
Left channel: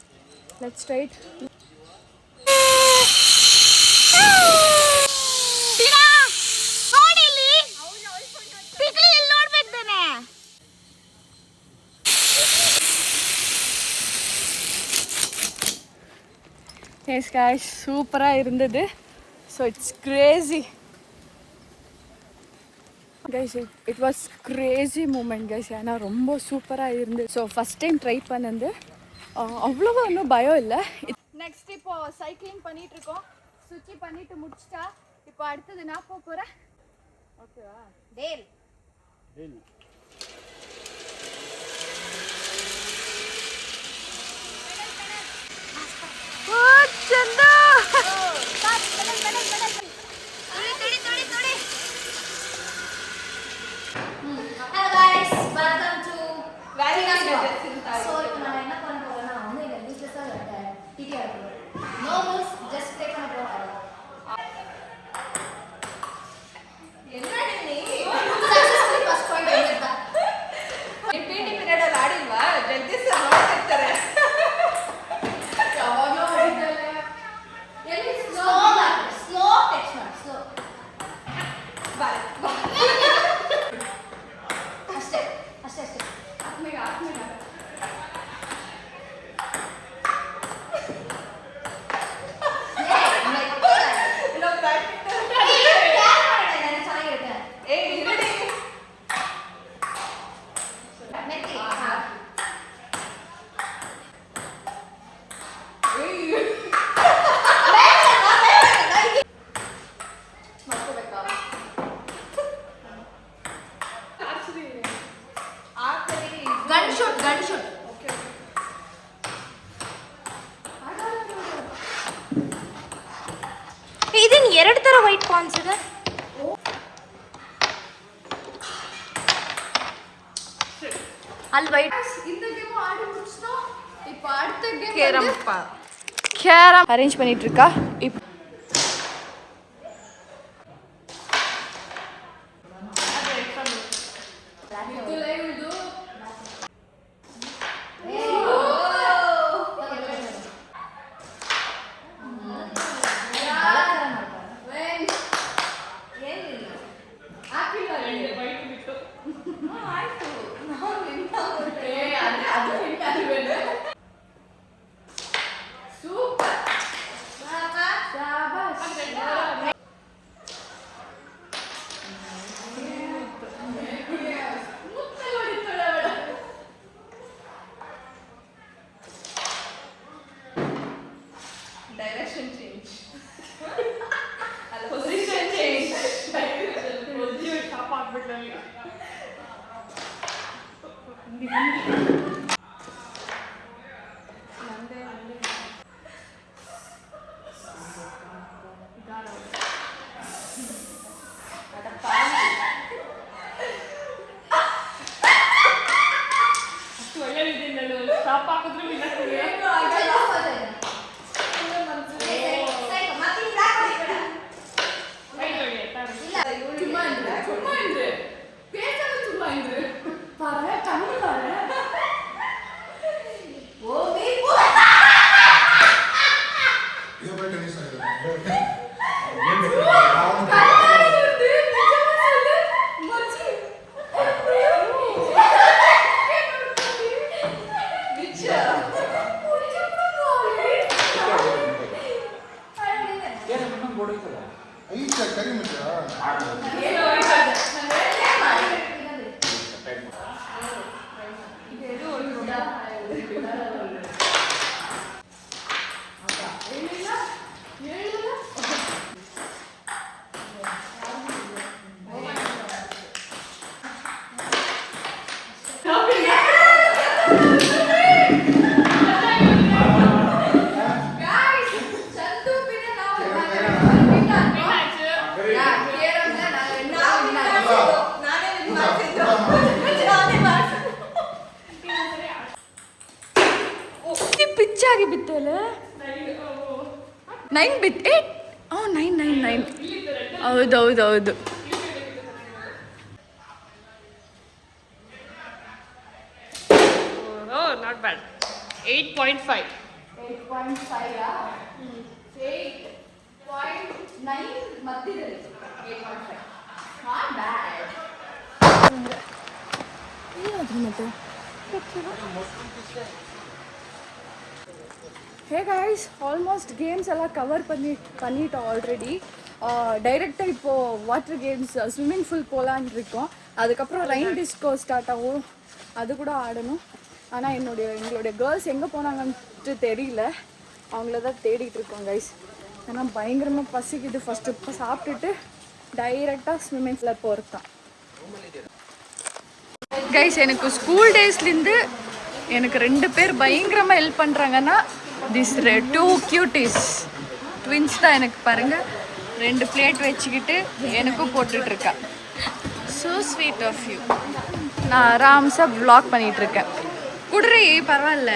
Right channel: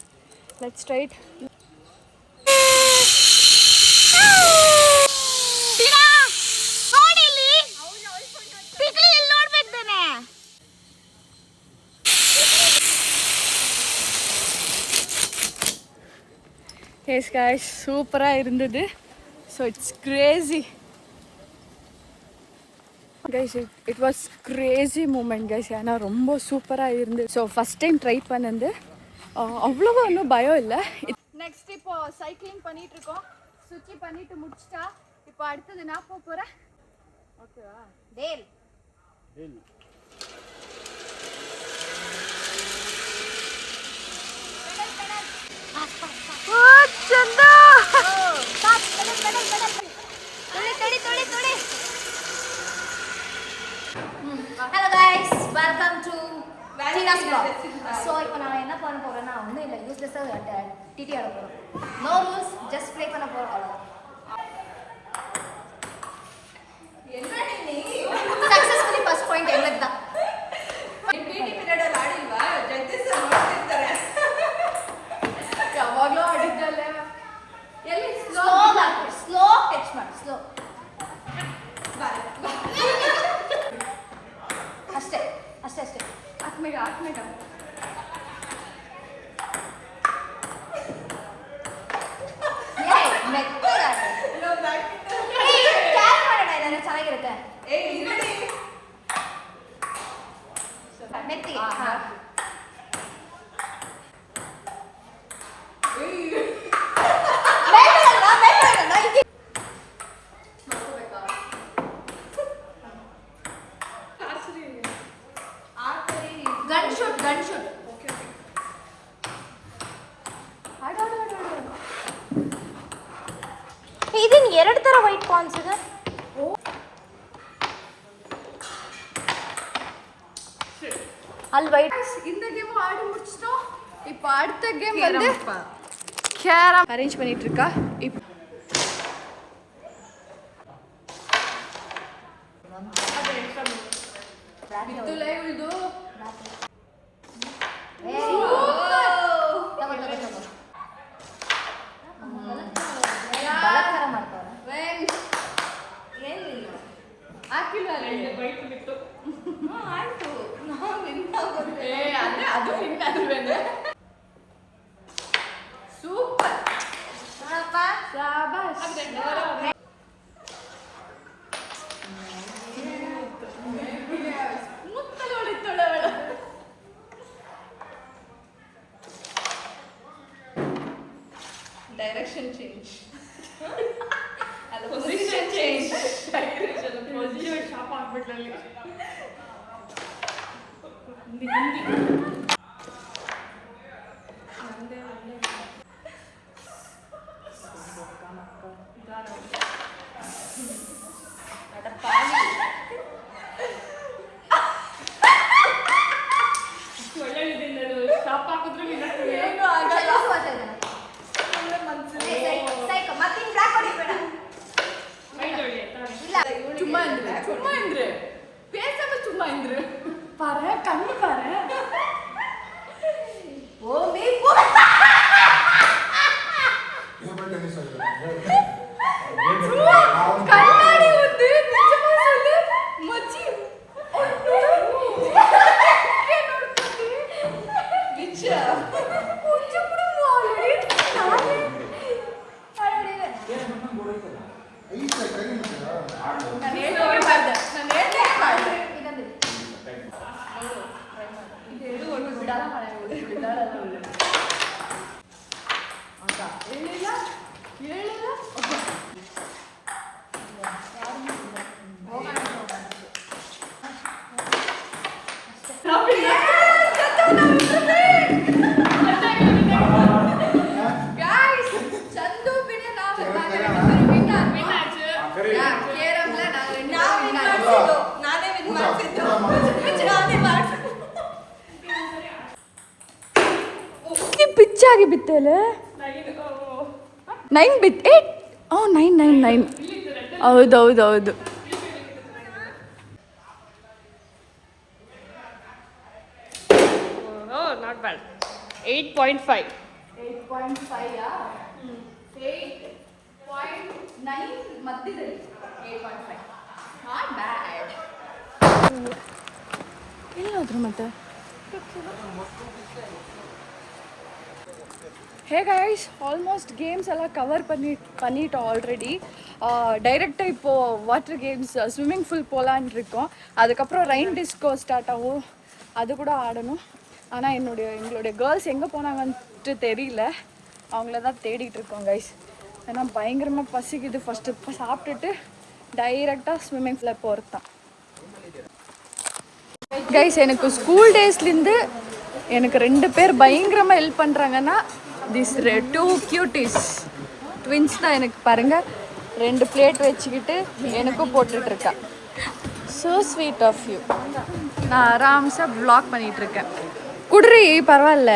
Let's right. எஸ் கைஸ், சூப்பராக இருந்தது. So it's crazy guys. It was crazy moment guys. ஏன்னா ரொம்ப சூப்பராக இருந்தது. ஸோ ஃபஸ்ட் டைம் ட்ரை பண்ணது. அவ்வளோவா ஒன்றும் பயம் இல்லை. நெக்ஸ்ட் இப்போ சைக்கிளிங் பண்ணிட்டு இருக்கோம். சுச்சி பண்ணிட்டு முடிச்சிட்டா இப்போ அடுத்தது நான் போக போகிறேன். ஓகேவா? டேல் ಚಂದ. Hello guys, welcome to Tina's vlog. So இப்போ நான் என்ன பண்ண போறேன்னா வந்து இந்த யூஸ்லெஸ்ஸாக ಎರಡು ಥರ ವೈಟ್ ಪಾನ್ಸ್ ಇದೆ. ಅಲ್ಲಿ ವೈಟ್ இந்த கேம் ஆடி முடிச்சிட்டோம். இப்போ அடுத்த கேம் கேரம் அரேஞ்ச் பண்ணிட்டு இருக்கா. இப்போ direction change. Position change. Position sharp ಆಗ್ಬಿಟ್ಟಾಗಿ. ಪಿಚ್ಚಾಗಿ ಬಿತ್ತಲ್ಲ 9 ಬಿತ್ತೆ. 9 ಹೌದೌದೌದು. Not bad. 8.5. 8.5 8.9 ಮಧ್ಯದಲ್ಲಿ 8.5 ನಾಟ್ ಬ್ಯಾಡ್. ಇಲ್ಲಾದ್ರೂ ಮತ್ತೆ ஹே கைஸ், ஆல்மோஸ்ட் கேம்ஸ் எல்லாம் கவர் பண்ணிட்டோம் ஆல்ரெடி. டைரெக்டாக இப்போது வாட்டர் கேம்ஸ் ஸ்விம்மிங் பூல் போகலான் இருக்கோம். அதுக்கப்புறம் ரெயின் டிஸ்கோ ஸ்டார்ட் ஆகும், அது கூட ஆடணும். ஆனால் எங்களுடைய கேர்ள்ஸ் எங்கே போனாங்கன்ட்டு தெரியல, அவங்கள தான் தேடிட்டு இருக்கோம் கைஸ். ஏன்னா பயங்கரமாக பசிக்குது. ஃபஸ்ட்டு இப்போ சாப்பிட்டுட்டு டைரெக்டாக ஸ்விம்மிங் பூலில் போகிறது தான் கைஸ். எனக்கு ஸ்கூல் டேஸ்லேருந்து எனக்கு 2 பேர் பயங்கரமாக ஹெல்ப் பண்ணுறாங்கன்னா திஸ் 2 cuties ட்வின்ஸ் தான். எனக்கு பாருங்கள் 2 பிளேட் வச்சுக்கிட்டு எனக்கும் போட்டுட்ருக்கா. So sweet of you. நான் ஆராம்ஸாக வ்ளாக் பண்ணிகிட்ருக்கேன். குடுறி பரவாயில்ல,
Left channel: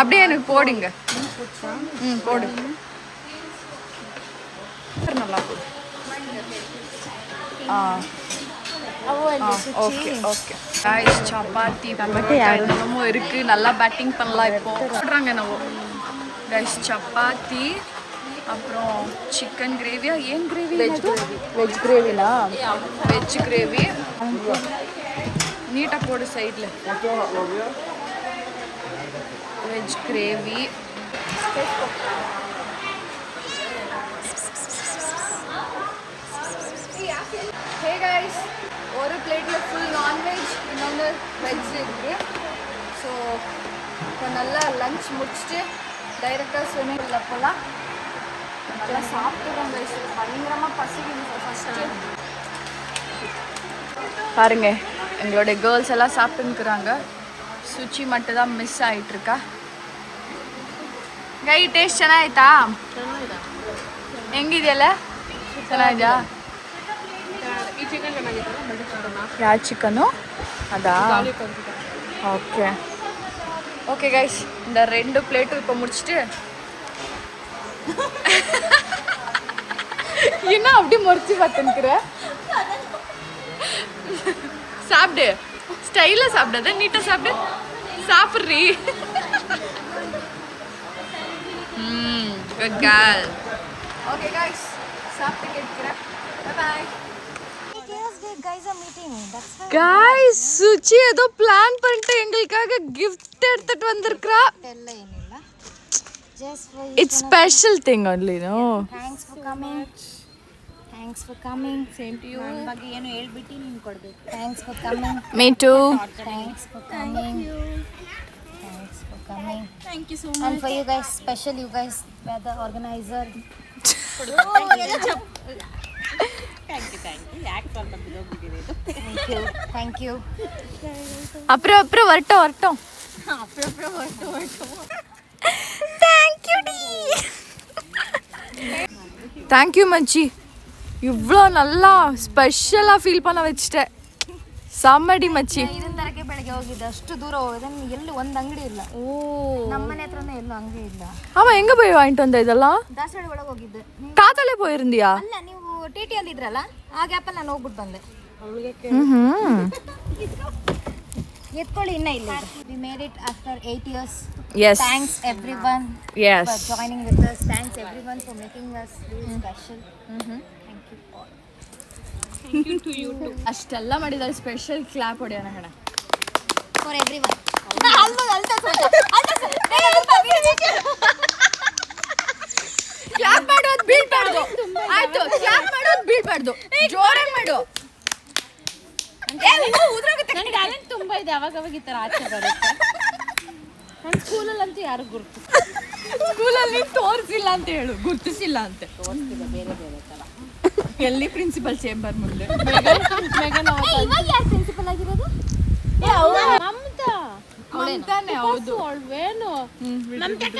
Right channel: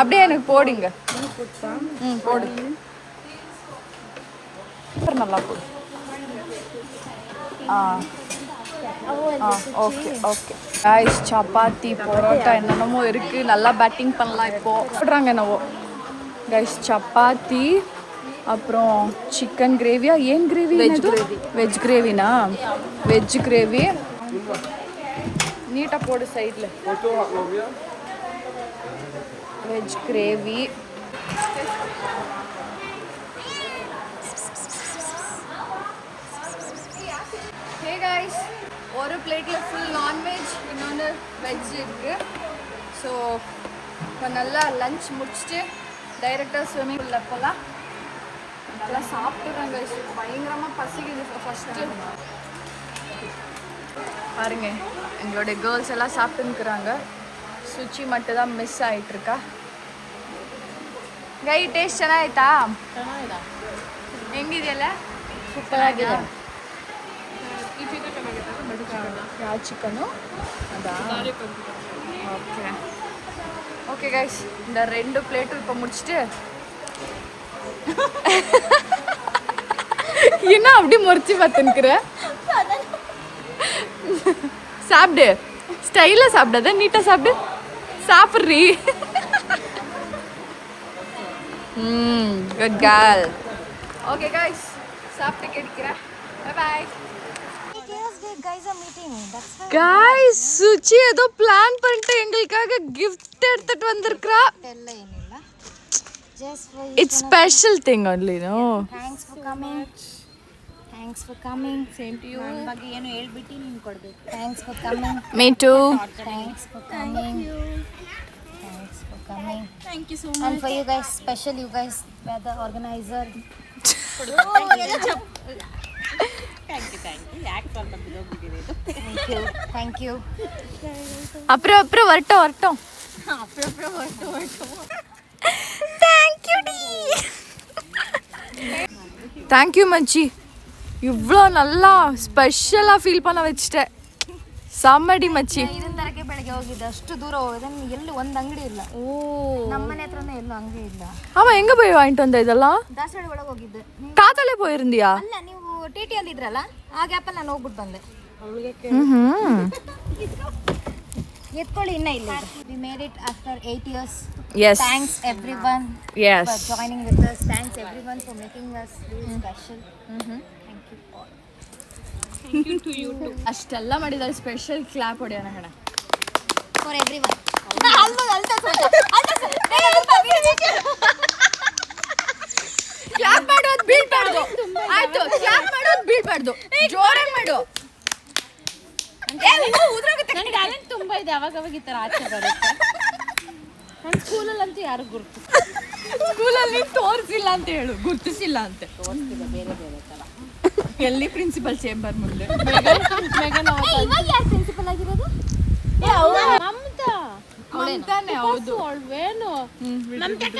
அப்படியே எனக்கு போடுங்க. போடு, நல்லா போடு. Okay okay guys. Chapati parotta என்னென்னமோ இருக்குது. நல்லா பேட்டிங் பண்ணலாம் இப்போது. போடுறாங்க என்னவோ கைஸ். சப்பாத்தி, அப்புறம் சிக்கன் கிரேவியா? ஏன் கிரேவி? வெஜ் கிரேவினா? Veg gravy. நீட்டாக போடு சைடில். Veg gravy. ஹே கைஸ், ஒரு பிளேட்டில் ஃபுல் நான்வெஜ், இன்னொன்று வெஜ் இருக்குது. ஸோ இப்போ நல்லா லஞ்ச் முடிச்சுட்டு டைரெக்டாக ஸ்விம்மிங் பூலில் போகலாம். நல்லா சாப்பிட்டுறோம் கைஸ். பயங்கரமாக பசிக்குது. ஃபஸ்ட்டு பாருங்க, எங்களுடைய கேர்ள்ஸ் எல்லாம் சாப்பிட்டுருக்குறாங்க. சுச்சி மட்டும் தான் ಮಿಸ್ ಆಯ್ತಿರ್ಕಾ. ಗೈ ಟೇಸ್ಟ್ ಚೆನ್ನಾಯ್ತಾ? ಹೆಂಗಿದೆಯಲ್ಲ ಚೆನ್ನಾಗಿದೆಯಾ? ಯಾವ ಚಿಕನು அதா ஓகே ஓகே கைஸ் இந்த 2 பிளேட் இப்போ முடிச்சிட்டு என்ன அப்படி முறிச்சு பார்த்துக்கிற சாப்பிடு ஸ்டைலாக சாப்பிடாத நீட்டாக சாப்பிடு சாப்பிட்றீ குட் கேர்ள் ஓகே கைஸ் சாப்பிட்டு கிடைக்கிறேன் பை கைஸ் சுச்சி ஏதோ பிளான் பண்ணிட்டு எங்களுக்காக gift எடுத்துட்டு வந்திருக்கா it's special thing only no thanks for coming same to you ನನ್ನ ಬಗ್ಗೆ ಏನು ಹೇಳ್ಬಿಟ್ಟು ನೀನು ಕೊಡಬೇಕು thanks for coming me too thanks for coming thank you so much and for you guys special you guys were the organizer thank you அப்புறம் வரட்டும் தேங்க்யூ மச்சி இவ்வளோ நல்லா ஸ்பெஷலாக ஃபீல் பண்ண வச்சுட்டேன் ಸಮ್ಮಡಿ ಮಚ್ಚಿ ಇದನ್ನ ತರಕ್ಕೆ ಬೆಳಗ್ಗೆ ಹೋಗಿದ್ದೆ ಅಷ್ಟು ದೂರ ಹೋಗಿದ್ದೆ ಎಲ್ಲಿ ಒಂದು ಅಂಗಡಿ ಇಲ್ಲ ನಮ್ಮನೆ ಹತ್ರನೇ ಎಲ್ಲೂ ಅಂಗಡಿ ಇಲ್ಲ ஆமா எங்க போய் வாங்கிட்டு வந்த இதெல்லாம் ದಾಸವಾಳ ಒಳಗೆ ಹೋಗಿದ್ದೆ ಕಾತಲೆ போயிருந்தியா ಅಲ್ಲ ನೀವು ಟಿಟಿ ಅಲ್ಲಿ ಇದ್ರಲ್ಲ ಆ ಗ್ಯಾಪಲ್ಲಿ ನಾನು ಹೋಗ್ಬಿಟ್ಟು ಬಂದೆ ಎತ್ಕೊಳ್ಳಿ ಇನ್ನ ಇಲ್ಲ we made it after 8 years yes thanks everyone yes for joining with us thanks everyone for making us really special thank you to you too ಅಷ್ಟೆಲ್ಲ ಮಾಡಿದ್ದಾರೆ ಸ್ಪೆಷಲ್ ಕ್ಲಾಪ್ ಹೊಡೆಯೋಣ ಕಣ for everyone ಕ್ಲಾಪ್ ಮಾಡೋದು ಬೀಳ್ಬಾರ್ದು ಆಯ್ತು ಕ್ಲಾಪ್ ಮಾಡೋದು ಬೀಳ್ಬಾರ್ದು ಜೋರಾಗಿ ಮಾಡು ನನಗೆ ಟ್ಯಾಲೆಂಟ್ ತುಂಬ ಇದೆ ಅವಾಗ ಈ ಥರ ಆಚೆ ಬರುತ್ತೆ ನನ್ನ ಸ್ಕೂಲಲ್ಲಂತೂ ಯಾರು ಗುರುತು ಸ್ಕೂಲಲ್ಲಿ ತೋರಿಸಿಲ್ಲ ಅಂತ ಹೇಳು ಗುರ್ತಿಸಿಲ್ಲ ಅಂತ ತೋರಿಸ್ತಿಲ್ಲ ಬೇರೆ ಬೇರೆ ಥರ ಎಲ್ಲಿ ಪ್ರಿನ್ಸಿಪಲ್ ಚೇಂಬರ್ ಮುಂದೆ ಇವಾಗ ಯಾರು ಪ್ರಿನ್ಸಿಪಲ್ ಆಗಿರೋದು ಮಮತಾನೆ ಹೌದು ಅವಳವೇನು ಮಮತಕ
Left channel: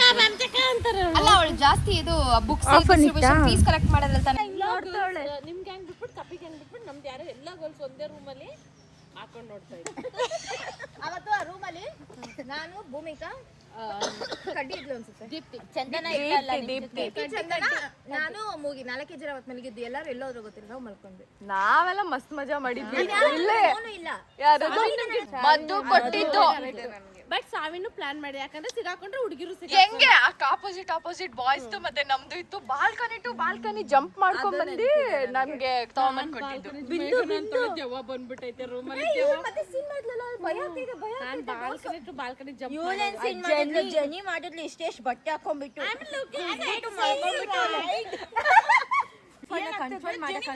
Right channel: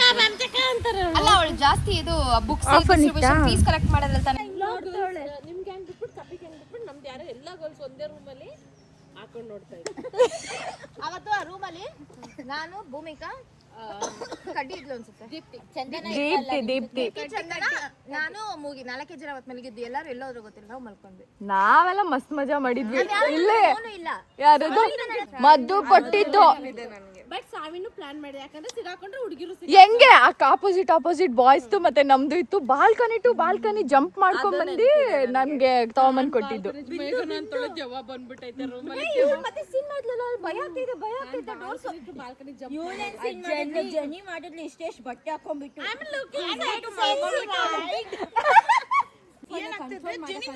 ಅಂತಾರೆ ಅಲ್ಲ ಅವಳು ಜಾಸ್ತಿ ಇದು ಬುಕ್ಸ್ ಡಿಸ್ಟ್ರಿಬ್ಯೂಷನ್ ಫೀಸ್ ಕಲೆಕ್ಟ್ ಮಾಡೋದ್ರಲ್ಲಿ ತಾನೆ ನಿಮ್ಗೆ ಹೆಂಗ್ ಬಿಟ್ಬಿಟ್ಟು ಕಪ್ಪಿಗೆ ಹೆಂಗ್ ಬಿಟ್ಬಿಟ್ಟು ನಮ್ದು ಯಾರೋ ಎಲ್ಲ ಗರ್ಲ್ಸ್ ಒಂದೇ ರೂಮಲ್ಲಿ ಹಾಕೊಂಡು ನೋಡ್ತಾ ಇದ್ದೆ ಅವತ್ತು ಆ ರೂಮಲ್ಲಿ ನಾನು ಭೂಮಿಕಾ ಕಡ್ಡಿ ಇದ್ಲು ಅನ್ಸುತ್ತೆ ದೀಪ್ತಿ ಚಂದನ ನಾನು ಮೂಗಿ 4 ಜನ ಅವತ್ತು ಮಲಗಿದ್ದು ಎಲ್ಲರೂ ಎಲ್ಲೋದ್ರು ಗೊತ್ತಿಲ್ಲ ನಾವು ಮಲ್ಕೊಂಡ್ವಿ ನಾವೆಲ್ಲ ಮಸ್ತ್ ಮಜಾ ಮಾಡಿದ್ವಿ ಫೋನು ಇಲ್ಲ ಮದ್ದು ಕೊಟ್ಟಿದ್ದು ಬಟ್ ಸಾವಿನ್ನು ಪ್ಲಾನ್ ಮಾಡಿ ಯಾಕಂದ್ರೆ ಸಿಗಾಕೊಂಡ್ರೆ ಹುಡುಗಿರು ಹೆಂಗೆ ಆಪೋಸಿಟ್ ಬಾಯ್ಸ್ ಮತ್ತೆ ನಮ್ದು ಇತ್ತು ಬಾಲ್ಕನಿ ಜಂಪ್ ಮಾಡ್ಕೊಂಡ್ ಬಂದು ನನ್ಗೆ ತಗೊಂಬಂದ್ ಕೊಟ್ಟಿದ್ದು ದೆವ್ವ ಬಂದ್ಬಿಟ್ಟೈತೆ ರೂಮಲ್ಲಿ ಬಾಲ್ಕನಿ ಜಂಪ್ ಜನಿ ಮಾಡಿದ್ಲು ಇಷ್ಟೆಷ್ಟು ಬಟ್ಟೆ ಹಾಕೊಂಡ್ಬಿಟ್ಟು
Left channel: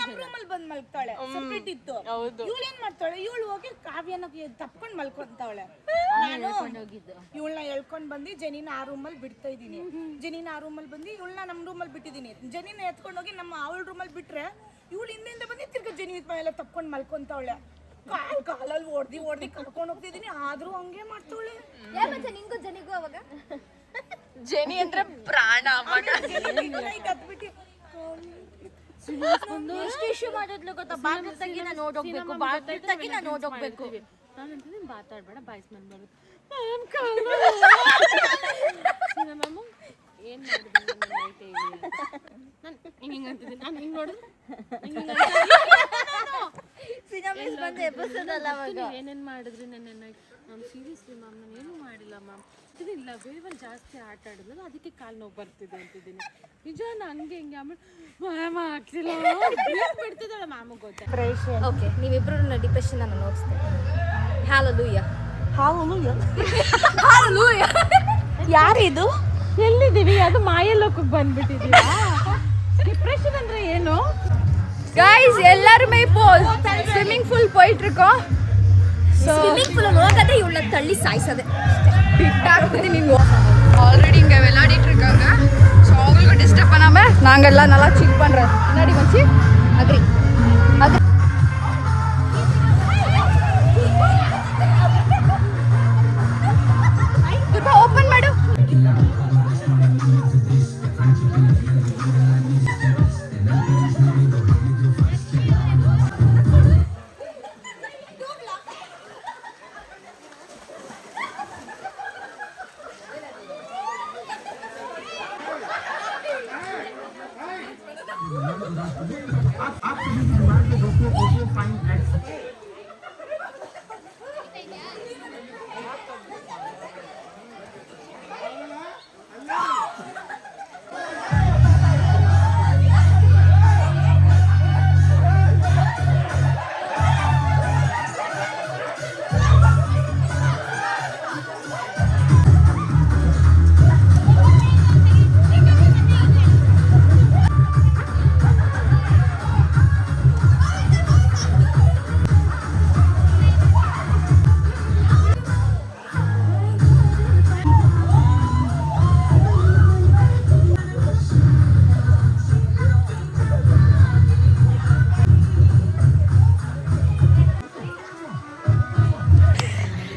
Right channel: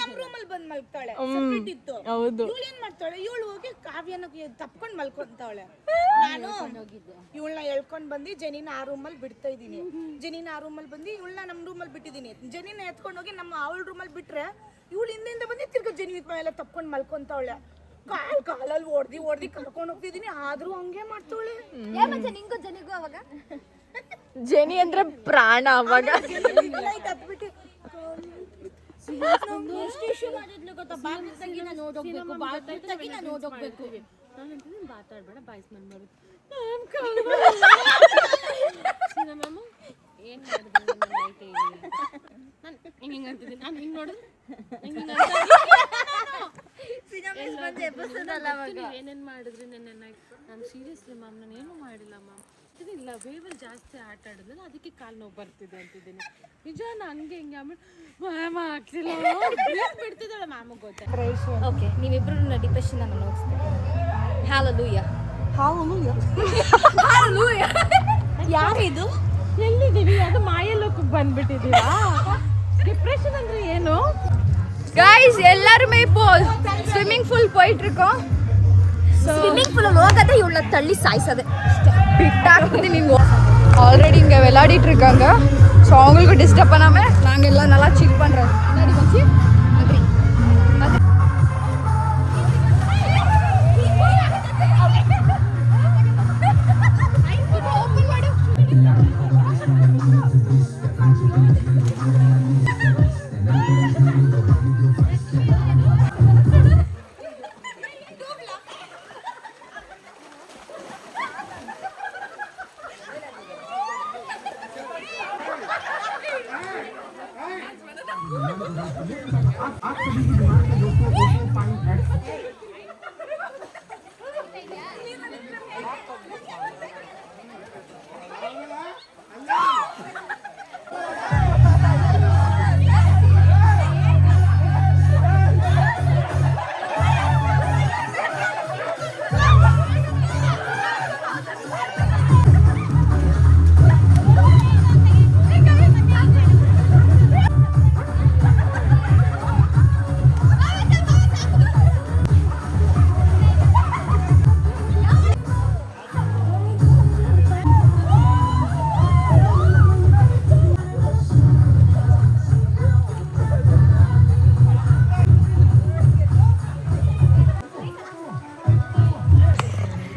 ನಮ್ ರೂಮಲ್ಲಿ ಬಂದ್ ಮಲ್ತಾಳೆ ಸೆಪರೇಟ್ ಇತ್ತು ಇವಳು ಏನ್ ಮಾಡ್ತಾಳೆ ಇವಳು ಹೋಗಿ ಕಾವ್ಯನ ತಪ್ಕೊಂಡ್ ಮಲ್ಕೊಂತಾವಳೆ ನಾನು ಇವಳನ್ನ ಎಳ್ಕೊಂಡ್ ಬಂದು ಜನಿನ ಆ ರೂಮಲ್ಲಿ ಬಿಡ್ತಾ ಇದೀನಿ ಜನಿನ ಆ ರೂಮಲ್ಲಿ ಬಂದು ಇವಳನ್ನ ನಮ್ ರೂಮಲ್ಲಿ ಬಿಟ್ಟಿದೀನಿ ಜನಿನ ಎತ್ಕೊಂಡ್ ಹೋಗಿ ನಮ್ಮ ಅವಳ ರೂಮಲ್ಲಿ ಬಿಟ್ರೆ ಇವಳು ಹಿಂದಿಂದ ಬಂದು ತಿರ್ಗಾ ಜನಿ ಮೇಲೆ ತಪ್ಕೊಂಡ್ ಮಲ್ಕೊಂತಾವಳೆ ಕಾಲಲ್ಲಿ ಹೊಡ್ದಿ ಕರ್ಕೊಂಡ್ ಹೋಗ್ತಿದೀನಿ ಆದ್ರೂ ಹಂಗೆ ಮಾಡ್ತಾವಳೆ ನಿಂಗೂ ಜನಿಗೂ ಅವಾಗ ಜೆನಿ ಅಂದ್ರೆ ಪ್ರಾಣ ಅವಾಗ ಎಷ್ಟು ಇಶ್ಯೂ ಮಾಡಿದ್ಲು ಗೊತ್ತಾ ಬಾಗಿಲು ತೆಗಿ ನಾನು ನೋಡೋಗ್ಬೇಕು ಬಾಗಿಲು ತೆಗಿ ನಾನು ನೋಡೋಗ್ಬೇಕು ನಾನಂತೀನಿ ಮಾತಾಡ್ಬೇಡ ಬಾಯ್ಸ್ ಮನ್ ಬರುತ್ತೆ ಮ್ಯಾಮ್ ಏನು ಮಾಡಿದ್ರು ನೈಟ್ ಹೇಳಿ ನಾನು ಹಿಂಗೆ ಅಂತಿದ್ದೀನಿ ನಾನು ಹಿಂಗೆ ನೋಡಿದ್ರೆ ಏನೇನು ಮಾಡಿದ್ರಿ ನೆನ್ನೆ ನಾನು ಸೀರಿಯಸ್ಲಿ ಮ್ಯಾಮ್ ನಾನು ಏನೂ ಮಾಡಿಲ್ಲ ಮ್ಯಾಮ್ ಇಲ್ಲ ವೇವಲ್ಲಿ ಜಾಸ್ತಿ ಆಟ ಆಡಿದ್ನಲ್ಲ ಅದಕ್ಕೆ ಕಾಲು ನೋವು ಬರ್ತಿದೆ ಅಂತಿದ್ದೀನಿ ನಿಜ ಹಂಗೆ ಹಿಂಗೆ ಆಮೇಲೆ ಮ್ಯಾಮ್ ಆಗ್ತಿಲ್ಲ ಬಿಡ್ತಿದ್ದಾಳೆ ಮ್ಯಾಮ್ ಗೊತ್ತೆ ಓಕೆ ನೀವಿಬ್ರು ಡಿಪ್ರೆಷನ್ ನಾನು ನೋಡ್ಸ್ತೇನೆ ಹಾಲೆಲೂಯಾ ಯಾರಿದು ಎಲ್ಲಿದ್ದೀವಿ ಅದು ಮಾಯಲೋಕಕ್ಕೆ ಬಂದ್ಬಿಟ್ಟಿದ್ದೀರಾ ಡಿಪ್ರೆಷನ್ ಅಂದ್ರೆ ಏನು गाइस எல்லாரும் இப்போ ஸ்விமிங் பூல் போயிட்டு இருக்கோம் ಸ್ವಿಮ್ಮಿಂಗ್ ಪೂಲ್ ಹೋಗದೆ ಇವಳನ್ನ ತಳ್ಳಿ ಸಾಯಿಸದೆ பிட்டாக்குது நீங்க ஆல்ரெடி இங்க விளையாடிட்டு இருக்காங்க சோ அவங்களுக்கு டிஸ்டர்ப் பண்ணாம நாங்க எல்லாம் நல்லா சில் பண்றோம் என்னடி மச்சி ಅಗ್ರಿ ಓಪನ್ ಮಾಡು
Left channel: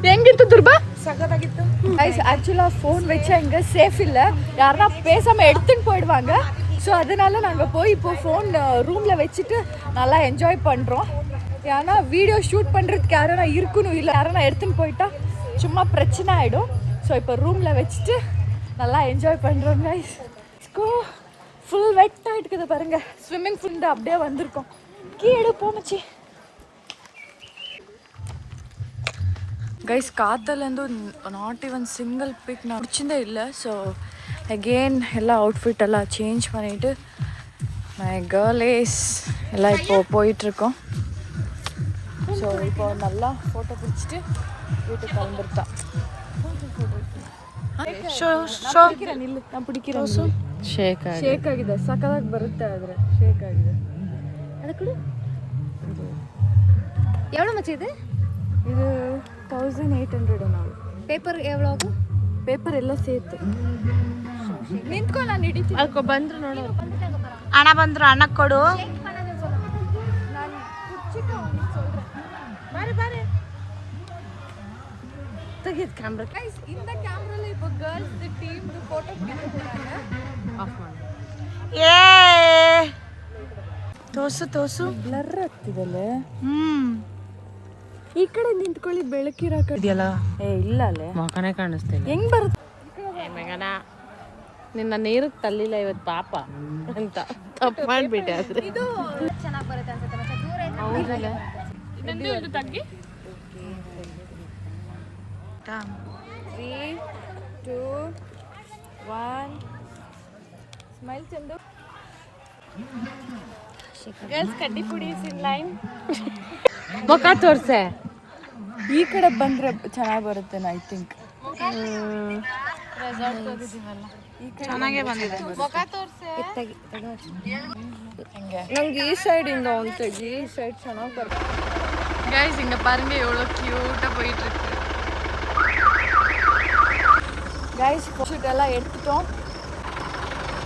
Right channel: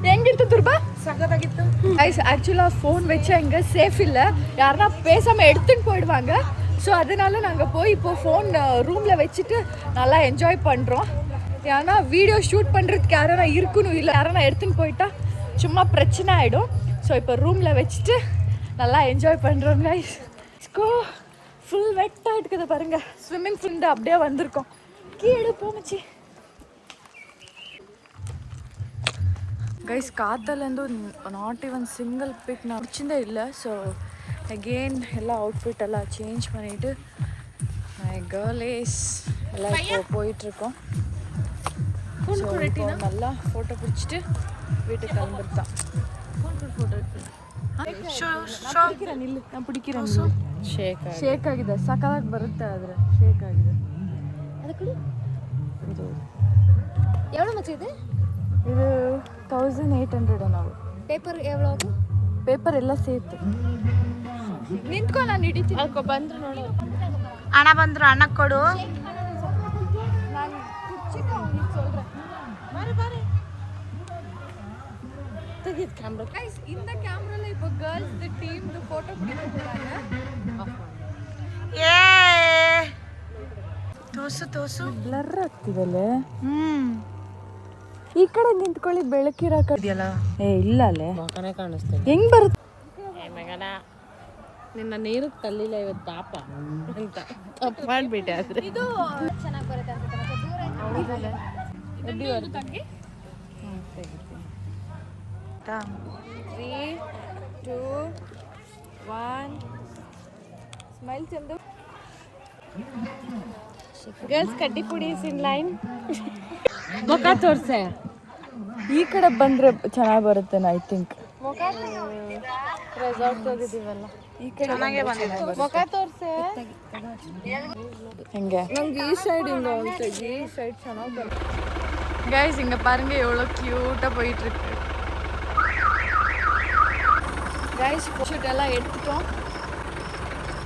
ಹೆಂಗಿತ್ತು ದುರ್ಬಾ? சகதாகிತ್ತು. கைஸ் ஆக்சுவலாக ஃபோன் வச்சா இங்கே சேஃப் இல்லை, யாருன்னா பேசாமல் எடுத்துன்னு போயிடுவாங்க. ஸோ அதனால நாங்கள் போய் இப்போது ஃபோன் ரூமில் வச்சுட்டு நல்லா என்ஜாய் பண்ணுறோம். ஏன்னா வீடியோ ஷூட் பண்ணுறதுக்கு யாரா இருக்கணும், இல்லை யாரா எடுத்துன்னு போயிட்டா சும்மா பிரச்சனை ஆகிடும். ஸோ இப்போ ரூமில் வச்சுட்டு நல்லா என்ஜாய் பண்ணுறோம் கைஸ். கோ ஃபுல் வெட்டாக இருக்குது பாருங்கள், ஸ்விம்மிங் ஃபுல் அப்படியே வந்திருக்கோம். கீழே போமச்சி கைஸ். காத்தலேருந்து நாட் ஈவன் சிங்கிள் பிக் நான் பிடிச்சதே இல்லை. ஸோ அகெயின் எல்லா அவுட்ஃபிட் எல்லாம் சேஞ்ச் பண்ணிவிட்டு மை கேர்ளேஸ் எல்லாம் இப்போது போயிட்டுருக்கோம். ஸோ இப்போ நல்லா ஃபோட்டோ பிடிச்சிட்டு வீட்டுக்கு கிளம்பிருக்கோம். பிடிக்கிறேன் ನಿಲ್ಲು, ನಾನು பிடிக்கிறேன். ಶೇಕ್ ಆಗಿದೆ, ಸಕ್ಕದಾಗಿ ಬರುತ್ತೆ ಆದರೆ ಶೇಕ್ ಆಗಿದೆ. ಅದಕ್ಕೆ எவ்வளோ மச்சி இது? ಇದು 1800 ನಾವು. ಪೇಪರ್ ಎவ்வளೋ ಆகும்? ಪೇಪರ್ ಎಲ್ಲ ಸೇರ್ತು. ನಿಂತ್ಕೊ, ನಾನು ಹಿಡಿತೀನಿ. ಹಣ ಬಂದ್ರು ಹಣ ಕೊಡು. இந்த கேமரால இப்போ கேர்ள்ஸ் டீம் போட்டோ பிடிக்க போறாங்க. ಏ ತೋಸು ತೋಸು ಬ್ಲರ್ ಆಗ್ತಿದಲ್ಲ. ಈ ಕಡೆ ನಿಂತ್ಕೊಳ್ಳಿ, ಬೆಳಕಿರೋ ಕಡೆಯಲ್ಲ. ಏ ಇಲ್ಲ ಅಲ್ಲೇ ಮಗನೇ ಕಾಣಿಸ್ತೀನಿ. ಹೆಂಗ್ ಬರುತ್ತೆ ಮಗನ? ನಿನ್ನ ನೀರಿಗೆ ತಳ್ಳಿಲ್ಲ ಇವತ್ತು ಪಾಪ ಅಂತ ತಪ್ಪು ಮಾಡಿಬಿಟ್ಟೆ. ಆದ್ರೆ ಇದು ತಗ್ಗಿ 3, 2, 1 ಸ್ಮೈಲ್. ಚಂದು ಗರ್ಲ್ಸ್ ಕಡ್ಡಿ ಪುಡಿ ಇನ್ ಲೈನ್. ಮುಖ ತೋರ್ಸೆ. ಈ ಕಡೆ ಬಂದ್ರೆ ಚೆನ್ನಾಗಿ ಬರುತ್ತೆ ಐ ಥಿಂಕ್. ಚೆನ್ನಾಗೇ ಬಂದಿದೆ. ಹಿಂಗೆ ನಂಗೆ ಈ ಸೈಡ್ ಹಿಂಗೆ ಒಂದು ಈ ಸೈಡ್ ಚೆನ್ನಾಗಿ ಬರುತ್ತೆ. கைஸ் இங்கே பாருங்க எவ்வளோ க்யூட்டாக போயிட்டுருக்கு. கைஸ் ஃபோட்டோ எல்லாம் எடுத்துட்டோம்,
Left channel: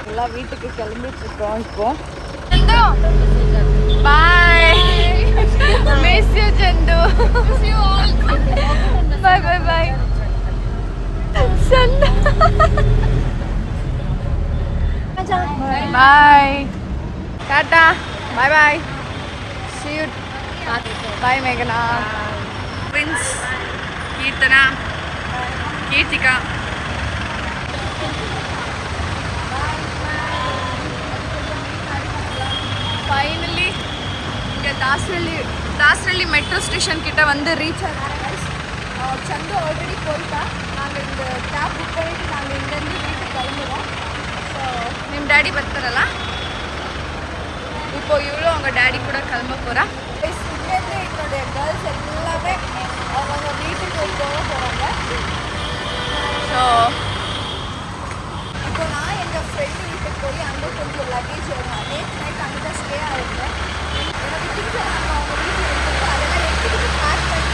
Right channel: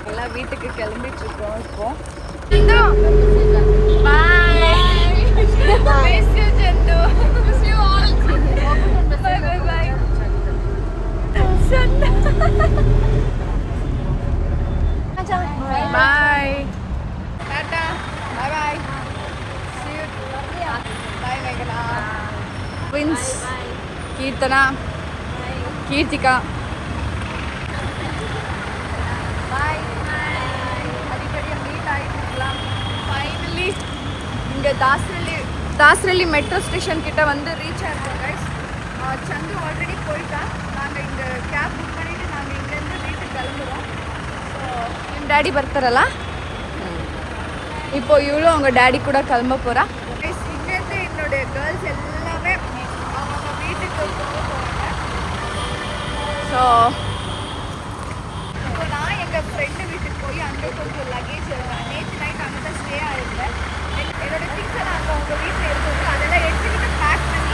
எல்லாம் வீட்டுக்கு கிளம்பிட்டுருக்கோம். இப்போ bye, miss you Chandu, miss you all. Bye bye bye Chandu. Bye tata, bye bye, see you. Bye மேகனா, வின்ஸ், கீர்த்தனா, கீர்த்திகா. பாய். அடிக்கடி மீட் ஆகிட்டுருக்கலாம். ஃபைனலி இந்த தாஸ்ரள்ளி மெட்ரோ ஸ்டேஷன் கிட்ட வந்து ரீச் ஆகிருக்கோம் கைஸ். சந்து ஆல்ரெடி போயிட்டா. நாங்கள் இந்த கேப் புக் பண்ணிவிட்டு நாங்கள் இங்கேருந்து வீட்டுக்கு கிளம்புறோம். ஸோ ನಿಮ್ಮ ಡ್ಯಾಡಿ ಬರ್ತಾರಲ್ಲ, இப்போ இவ்வளோ அவங்க டாடி கூட கிளம்ப போகிறா. இங்கேருந்து என்னுடைய கேர்ள்ஸ் எல்லாமே அவங்க வீட்டுக்கு போக போகிறாங்க. ஸோ இப்போ நான் எங்கள் ஃப்ரெண்டு வீட்டுக்கு போய் அங்கே கொஞ்சம் லக்கேஜ் நேற்று நைட் அங்கே தான் ஸ்டே ஆகிருந்தேன். என்னோடய திங்ஸை நாங்கள் அவங்க வீட்டில் எடுத்துட்டு அதெல்லாம் எடுத்துக்கிட்டு பேக் பண்ணி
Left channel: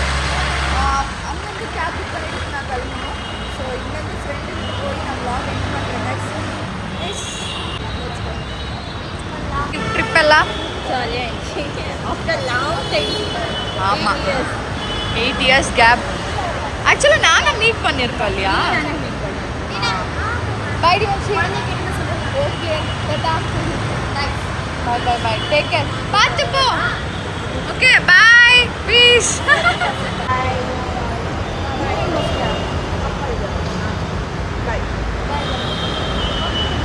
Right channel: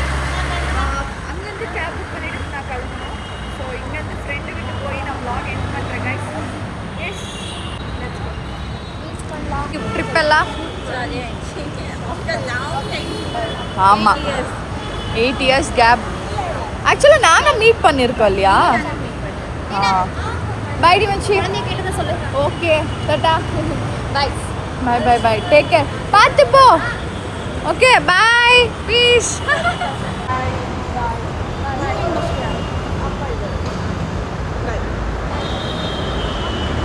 அங்கேருந்து கேப் புக் பண்ணிவிட்டு நான் கிளம்பணும். ஸோ இங்கேருந்து ஃப்ரெண்டு வீட்டுக்கு போய் நான் vlog எண்ட் பண்ணுறேன் guys. Yes let's go. Trip எல்லாம் ஆமாம் 8 years கேப். ஆக்சுவலாக நாங்கள் மீட் பண்ணியிருக்கோம் இல்லையா? Okay tata, bye bye bye, take care, பார்த்து போ. Okay bye, peace.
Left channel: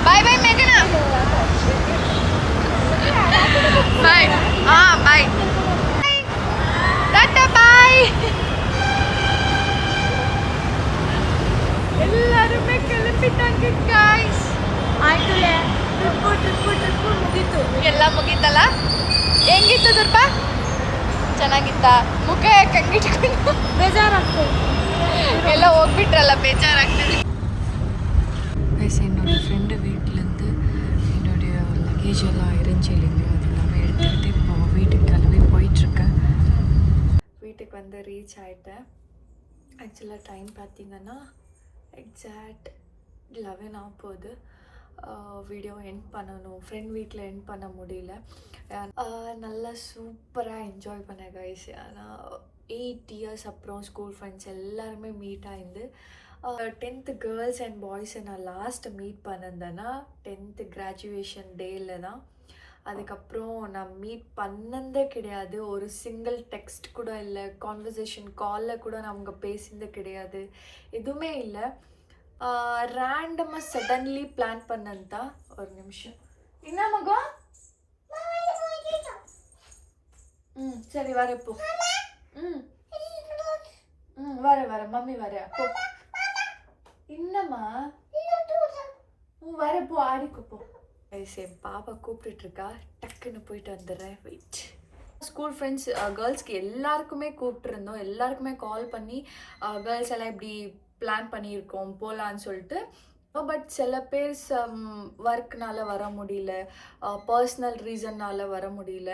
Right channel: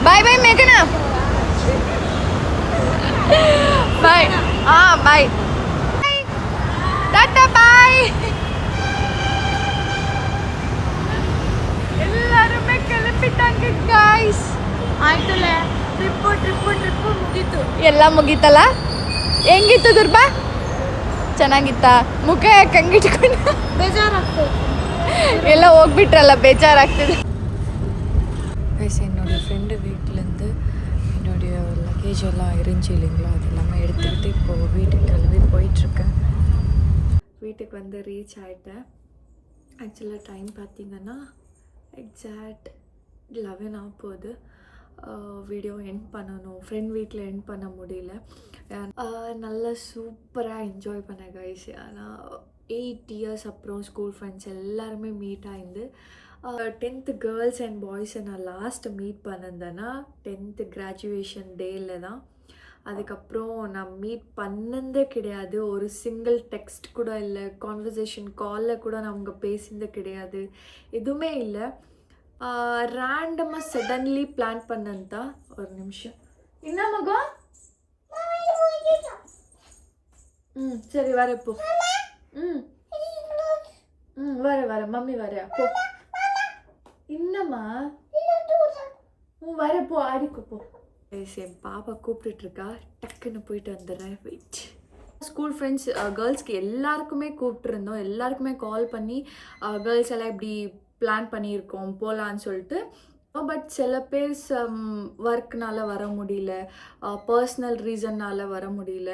Bye bye மேகனா. பாய். பாய். Tata bye. ಎಲ್ಲಾರುಮೇ ಕಲಿಪಿಟ್ಟಾಂಗ ಗಾಯ್ಸ್. ಆಯ್ತಲ್ಲ ಟ್ರಿಪ್ಪು ಮುಗೀತು. ಎಲ್ಲ ಮುಗೀತಲ್ಲ? ಹೆಂಗಿತ್ತು ದುರ್ಬ? ಚೆನ್ನಾಗಿತ್ತ? ಮುಖ ಯಾಕೆ ಹಂಗಿಟ್ಕೊಂಡು? ಬೇಜಾರಾಗ್ತದೆ. ಎಲ್ಲ ಹೋಗ್ಬಿಟ್ರಲ್ಲ, ಬೇಜಾರಾಗ್ತದೆ. என்னோட ஃப்ரெண்டு வீட்டிலேருந்து என்னுடைய லக்கேஜ் எல்லாம் இருந்துச்சு இல்லைங்களா, அதெல்லாம் எடுத்துக்கிட்டு இப்போது வீட்டுக்கு கிளம்பி போயிட்டுருக்கேன். வீட்டுக்கு வந்து ரீச் ஆகிட்டேன். ஆக்சுவலாக டைம் பார்த்திங்கன்னா எக்ஸாக்ட் 11 ஆக போகுது. வீடியோ எண்ட் பண்ணணும், ஃப்ரெண்ட் வீட்டில் எண்ட் பண்ண முடியல. நல்லா சூப்பராக என்ஜாய் பண்ணேன் கைஸ். ஆனால் 8 இயர்ஸ் அப்புறம் ஸ்கூல் ஃப்ரெண்ட்ஸ் எல்லாருமே மீட் ஆயிருந்து 10th கேர்ள்ஸ் அண்ட் பாய்ஸை நான் லாஸ்ட்டு மீட் பண்ணியிருந்தேன்னா 10th கிராஜுவேஷன் டேயில் தான். அதுக்கப்புறம் நான் மீட் பண்ணதே கிடையாது. ஒரு சிங்கிள் டெக்ஸ்ட் கூட இல்லை, கான்வர்சேஷன் காலில் கூட நான் அவங்க பேசினது கிடையாது, எதுவுமே இல்லை. ரேண்டமாக சடன்லி பிளான் பண்ணதான். ஒரு நிமிஷம், என்ன மகம்? சரி வரப்போ. வர மம்மி வர போ. என்னம்மா? வரப்போ ஆடிக்கோ போ. என் பாப்பா கூப்பிட்டுருக்கா, டக்குன்னு போயிட்டு வந்துடுறேன். வெயிட். ஸ்கூல் ஃப்ரெண்ட்ஸ் கேர்ள்ஸ்க்கு எல்லாருக்குமே கூப்பிட்டுருந்தோம், எல்லாருக்குமே கால் பண்ணி கேர்ள்ஸ் எல்லாம் இப்படி பிளான் பண்ணியிருக்கோம் போகலான்னு சொல்லிட்டு. பட் சில பேர் ஒர்க்னால வர முடியல, பர்சனல் ரீசன்னால் வர முடியல,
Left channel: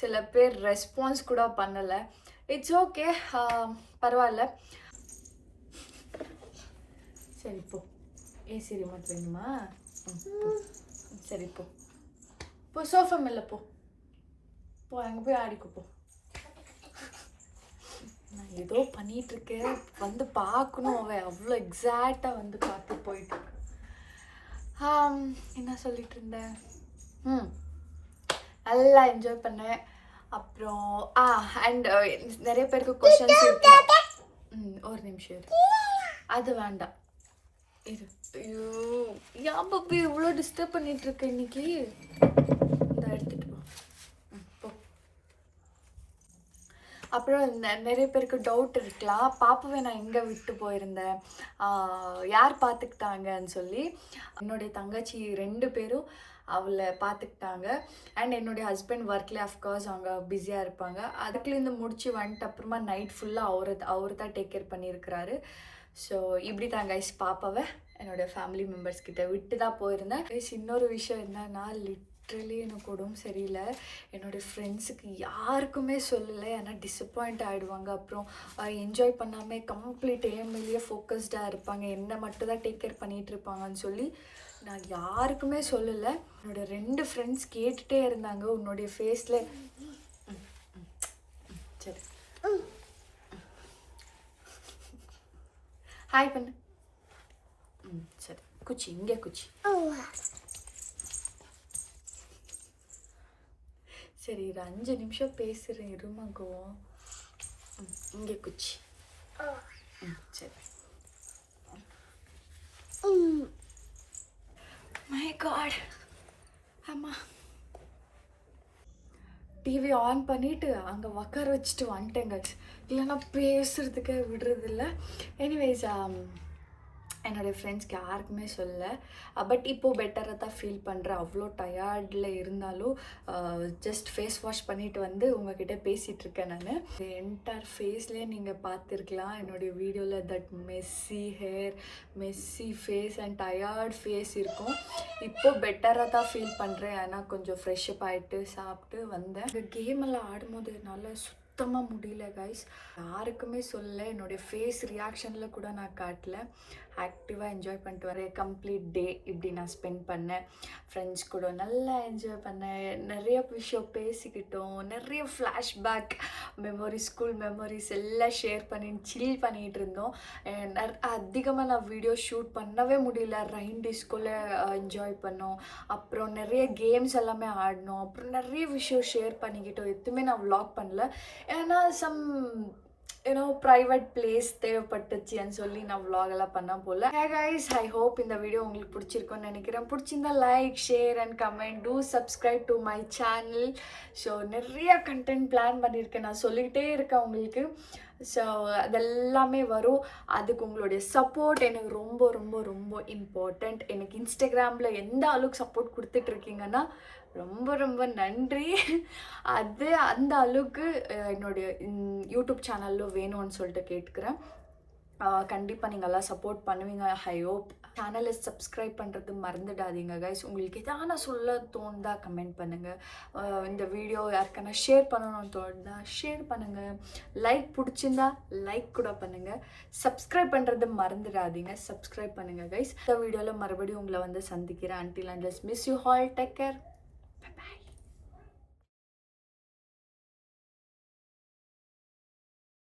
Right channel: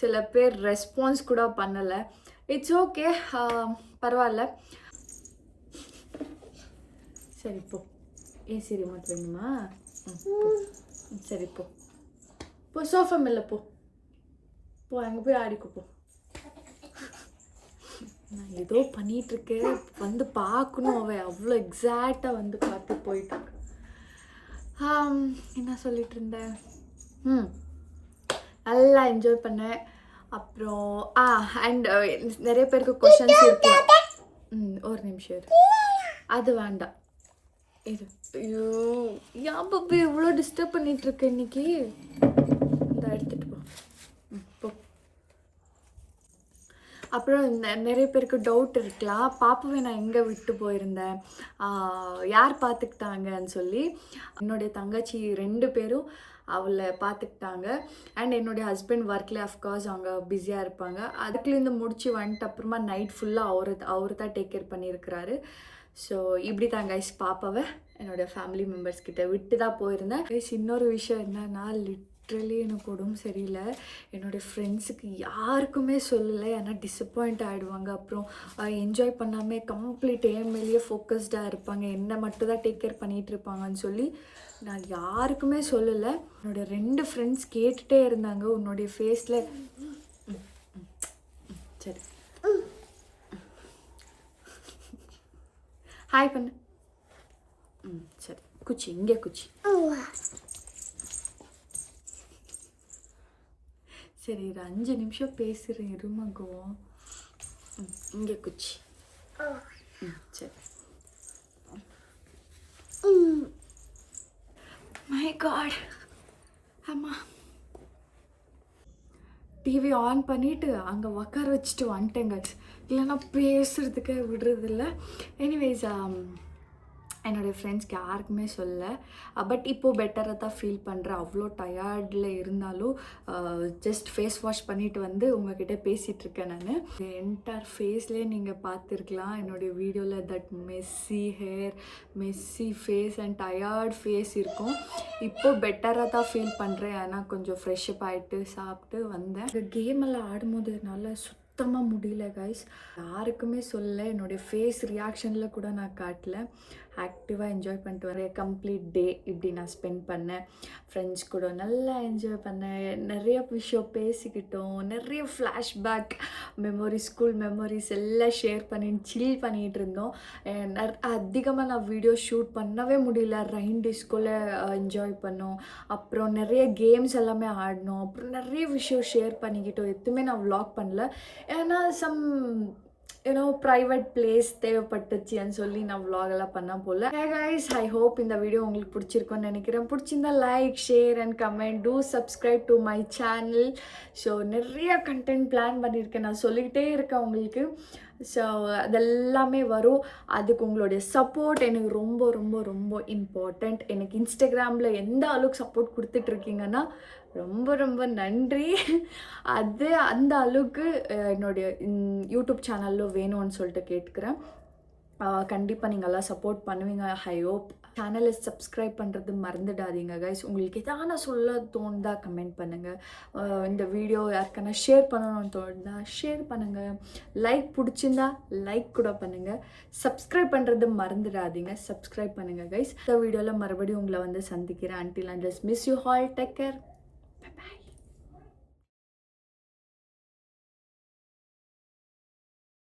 சில பேர் ரெஸ்பான்ஸ் கூட பண்ணலை. இட்ஸ் ஓகே, பரவாயில்ல. சரி போ. ஏசி ரிமோட் வேணுமா? சரி போ போ. சோஃபா மேலே போ போ, அங்கே போய் ஆடிக்கோ போ. நான் ஏதோ பண்ணிகிட்ருக்கேன், வந்து பார்க்கணும். அவன் அவ்வளோ எக்ஸாக்டாக வந்து பார்த்து போயிட்டு. என்ன சொல்லிட்டு இருந்தேன்? நல்லா என்ஜாய் பண்ணேன். அப்புறம் அண்ட் நிறைய பேருக்கு கொஷின்ஸ் இருக்கு. ஒரு நிமிஷம் இரு, அது வேண்டாம் இரு. ஐயோ ஏன் பாப்பா இவ்வளோ டிஸ்டர்ப் பண்ணிகிட்ருக்க இன்னைக்கு? இந்த எடுத்துகிட்டு போ போ. அப்புறம் நிறைய பேருக்கு டவுட் இருக்கலாம், பாப்பாவை நான் எங்கே விட்டு போயிருந்தேன், யார் பார்த்துக்கிட்டாங்கன்னு சொல்லி. என்னுடைய தங்கச்சி 2 பேரும் அவளை பார்த்துக்கிட்டாங்க. அண்ட் என்னுடைய ஹஸ்பண்ட் ஒர்க்கில் அஃப்கோர்ஸ் அவங்க பிஸியாக இருப்பாங்க. அதுக்குலேருந்து முடிச்சு வந்துட்டு அப்புறமா நைட் ஃபுல்லாக அவர் தான் டேக் கேர் பண்ணியிருக்கிறாரு. ஸோ இப்படி தான் கைஸ் பாப்பாவை என்னோடய ஃபேமிலி மெம்பர்ஸ்கிட்ட விட்டு தான் போயிருந்தேன். கைஸ் இன்னொரு விஷயம் என்னன்னா, லிட்ரலி எனக்கு உடம்பு சரியில்லை. என்னோடய ஃப்ரெண்ட்ஸுக்கு யாருக்குமே சொல்லலை, ஏன்னா டிசப்பாயிண்ட் ஆகிடுவாங்க. அப்புறம் என்ஜாய் பண்ணாமல் கம்ப்ளீட் மேலேயே ஃபோக்கஸ்டாக இருப்பாங்க, என்னை மட்டும் தான் டேக் கேர் பண்ணிகிட்டு இருப்பாங்கன்னு சொல்லி நான் யாருக்குமே சொல்லலை. என்னோடய 2 ஃப்ரெண்ட்ஸ் கேட்டுகிட்டே இருந்தாங்க, உன்னுடைய ஃபேஸில். சரி ஹாய் பண்ணு. சரி குச்சி, இங்கே குச்சி. சரி இது 5 நிமிஷம் பேசுகிறேன் இருமகோ. இங்கே குச்சி. சரி. My God. ஆமாம், டிவி ஆன் பண்ணிவிட்டு அங்கே உக்கார வச்சுட்டு வந்துட்டேங்க. இல்லைன்னா பேசுகிறதுக்கே விடுறதில்ல. எனிவேஸ் என்னோடய ஃப்ரெண்ட்ஸ்க்கு யாருக்குமே சொல்லலை. பட் இப்போது பெட்டராக தான் ஃபீல் பண்ணுறேன். அவ்வளோ டயர்டில் இருந்தாலும் ஜஸ்ட் ஃபேஸ் வாஷ் பண்ணிவிட்டு வந்து உங்ககிட்ட பேசிகிட்ருக்கேன். நான் என்டையர் ஃபேஸ்லேயே நீங்கள் பார்த்துருக்கலாம் என்னுடைய வீடியோவில். That messy hair, messy face and tired face இருக்கும். இப்போது பெட்டராக தான் ஃபீல் பண்ணுறேன். ஆனால் கொஞ்சம் ஃப்ரெஷ்அப் ஆகிட்டு சாப்பிட்டு வந்தேன். கேம் எல்லாம் ஆடும்போது என்னால் சுத்தமாக முடியல கைஸ். யாருக்குமே சொல்லலை, என்னுடைய ஃபேஸ் ரியாக்ஷனில் கூட நான் காட்டல. ஆக்டிவாக என்ஜாய் பண்ணிட்டு வரேன். கம்ப்ளீட் டே இப்படி நான் ஸ்பெண்ட் பண்ணேன். ஃப்ரெண்ட்ஸ் கூட நல்லா என்ஜாய் பண்ணேன். நிறைய விஷயம் பேசிக்கிட்டோம். நிறைய ஃப்ளாஷ்பேக் மெமரிஸ், ஸ்கூல் மெமரிஸ் எல்லாம் ஷேர் பண்ணி சில் பண்ணிகிட்டு இருந்தோம். அதிகமாக நான் வீடியோ ஷூட் பண்ணவே முடியல. ரெயின் டிஸ்கோவில் என்ஜாய் பண்ணோம். அப்புறம் நிறைய கேம்ஸ் எல்லாமே ஆடினோம். அப்புறம் நிறைய விஷயம் ஷேர் பண்ணிக்கிட்டோம். எதுவுமே நான் vlog பண்ணல, ஏன்னா ஏன்னோ ப்ரைவேட் பிளேஸ் தேவைப்பட்டுச்சுன்னு சொல்லி நான் vlog-எல்லாம் பண்ண போல. Hey guys, I hope இந்த வீடியோ உங்களுக்கு பிடிச்சிருக்கும்னு நினைக்கிறேன். பிடிச்சிருந்தா like, share and comment. Two subscribe to my channel. So நிறைய கண்டென்ட் பிளான் பண்ணியிருக்கேன், நான் சொல்லிக்கிட்டே இருக்கேன் உங்களுக்கு. ஸோ அதெல்லாமே வரும். அதுக்கு உங்களுடைய சப்போர்ட் எனக்கு ரொம்ப ரொம்ப ரொம்ப இம்பார்ட்டண்ட். எனக்கு இன்ஸ்டாகிராமில் எந்த அளவுக்கு சப்போர்ட் கொடுத்துட்ருக்கீங்கன்னா ரொம்ப ரொம்ப நன்றி. அது அந்த அளவுக்கு என்னுடைய யூடியூப் சேனலில் வேணும்னு சொல்லிட்டு கேட்டுக்கிறேன். கண்டிப்பாக நீங்கள் எல்லாம் சப்போர்ட் பண்ணுவீங்க. I hope. சேனலை சப்ஸ்கிரைப் பண்ணுறது மறந்துடாதீங்க கைஸ். உங்களுக்கு எதான சொல்ல தோணுதா கமெண்ட் பண்ணுங்கள். இந்த வீடியோ யாருக்கான ஷேர் பண்ணணும்னு தோணுதா ஷேர் பண்ணுங்கள். லைக் பிடிச்சிருந்தா லைக் கூட பண்ணுங்கள். சப்ஸ்கிரைப் பண்ணுறது மறந்துடாதீங்க. சப்ஸ்கிரைப் பண்ணுங்கள் கைஸ். இந்த வீடியோவில் மறுபடியும் உங்களை வந்து சந்திக்கிறேன். Until and just miss you all. Take care.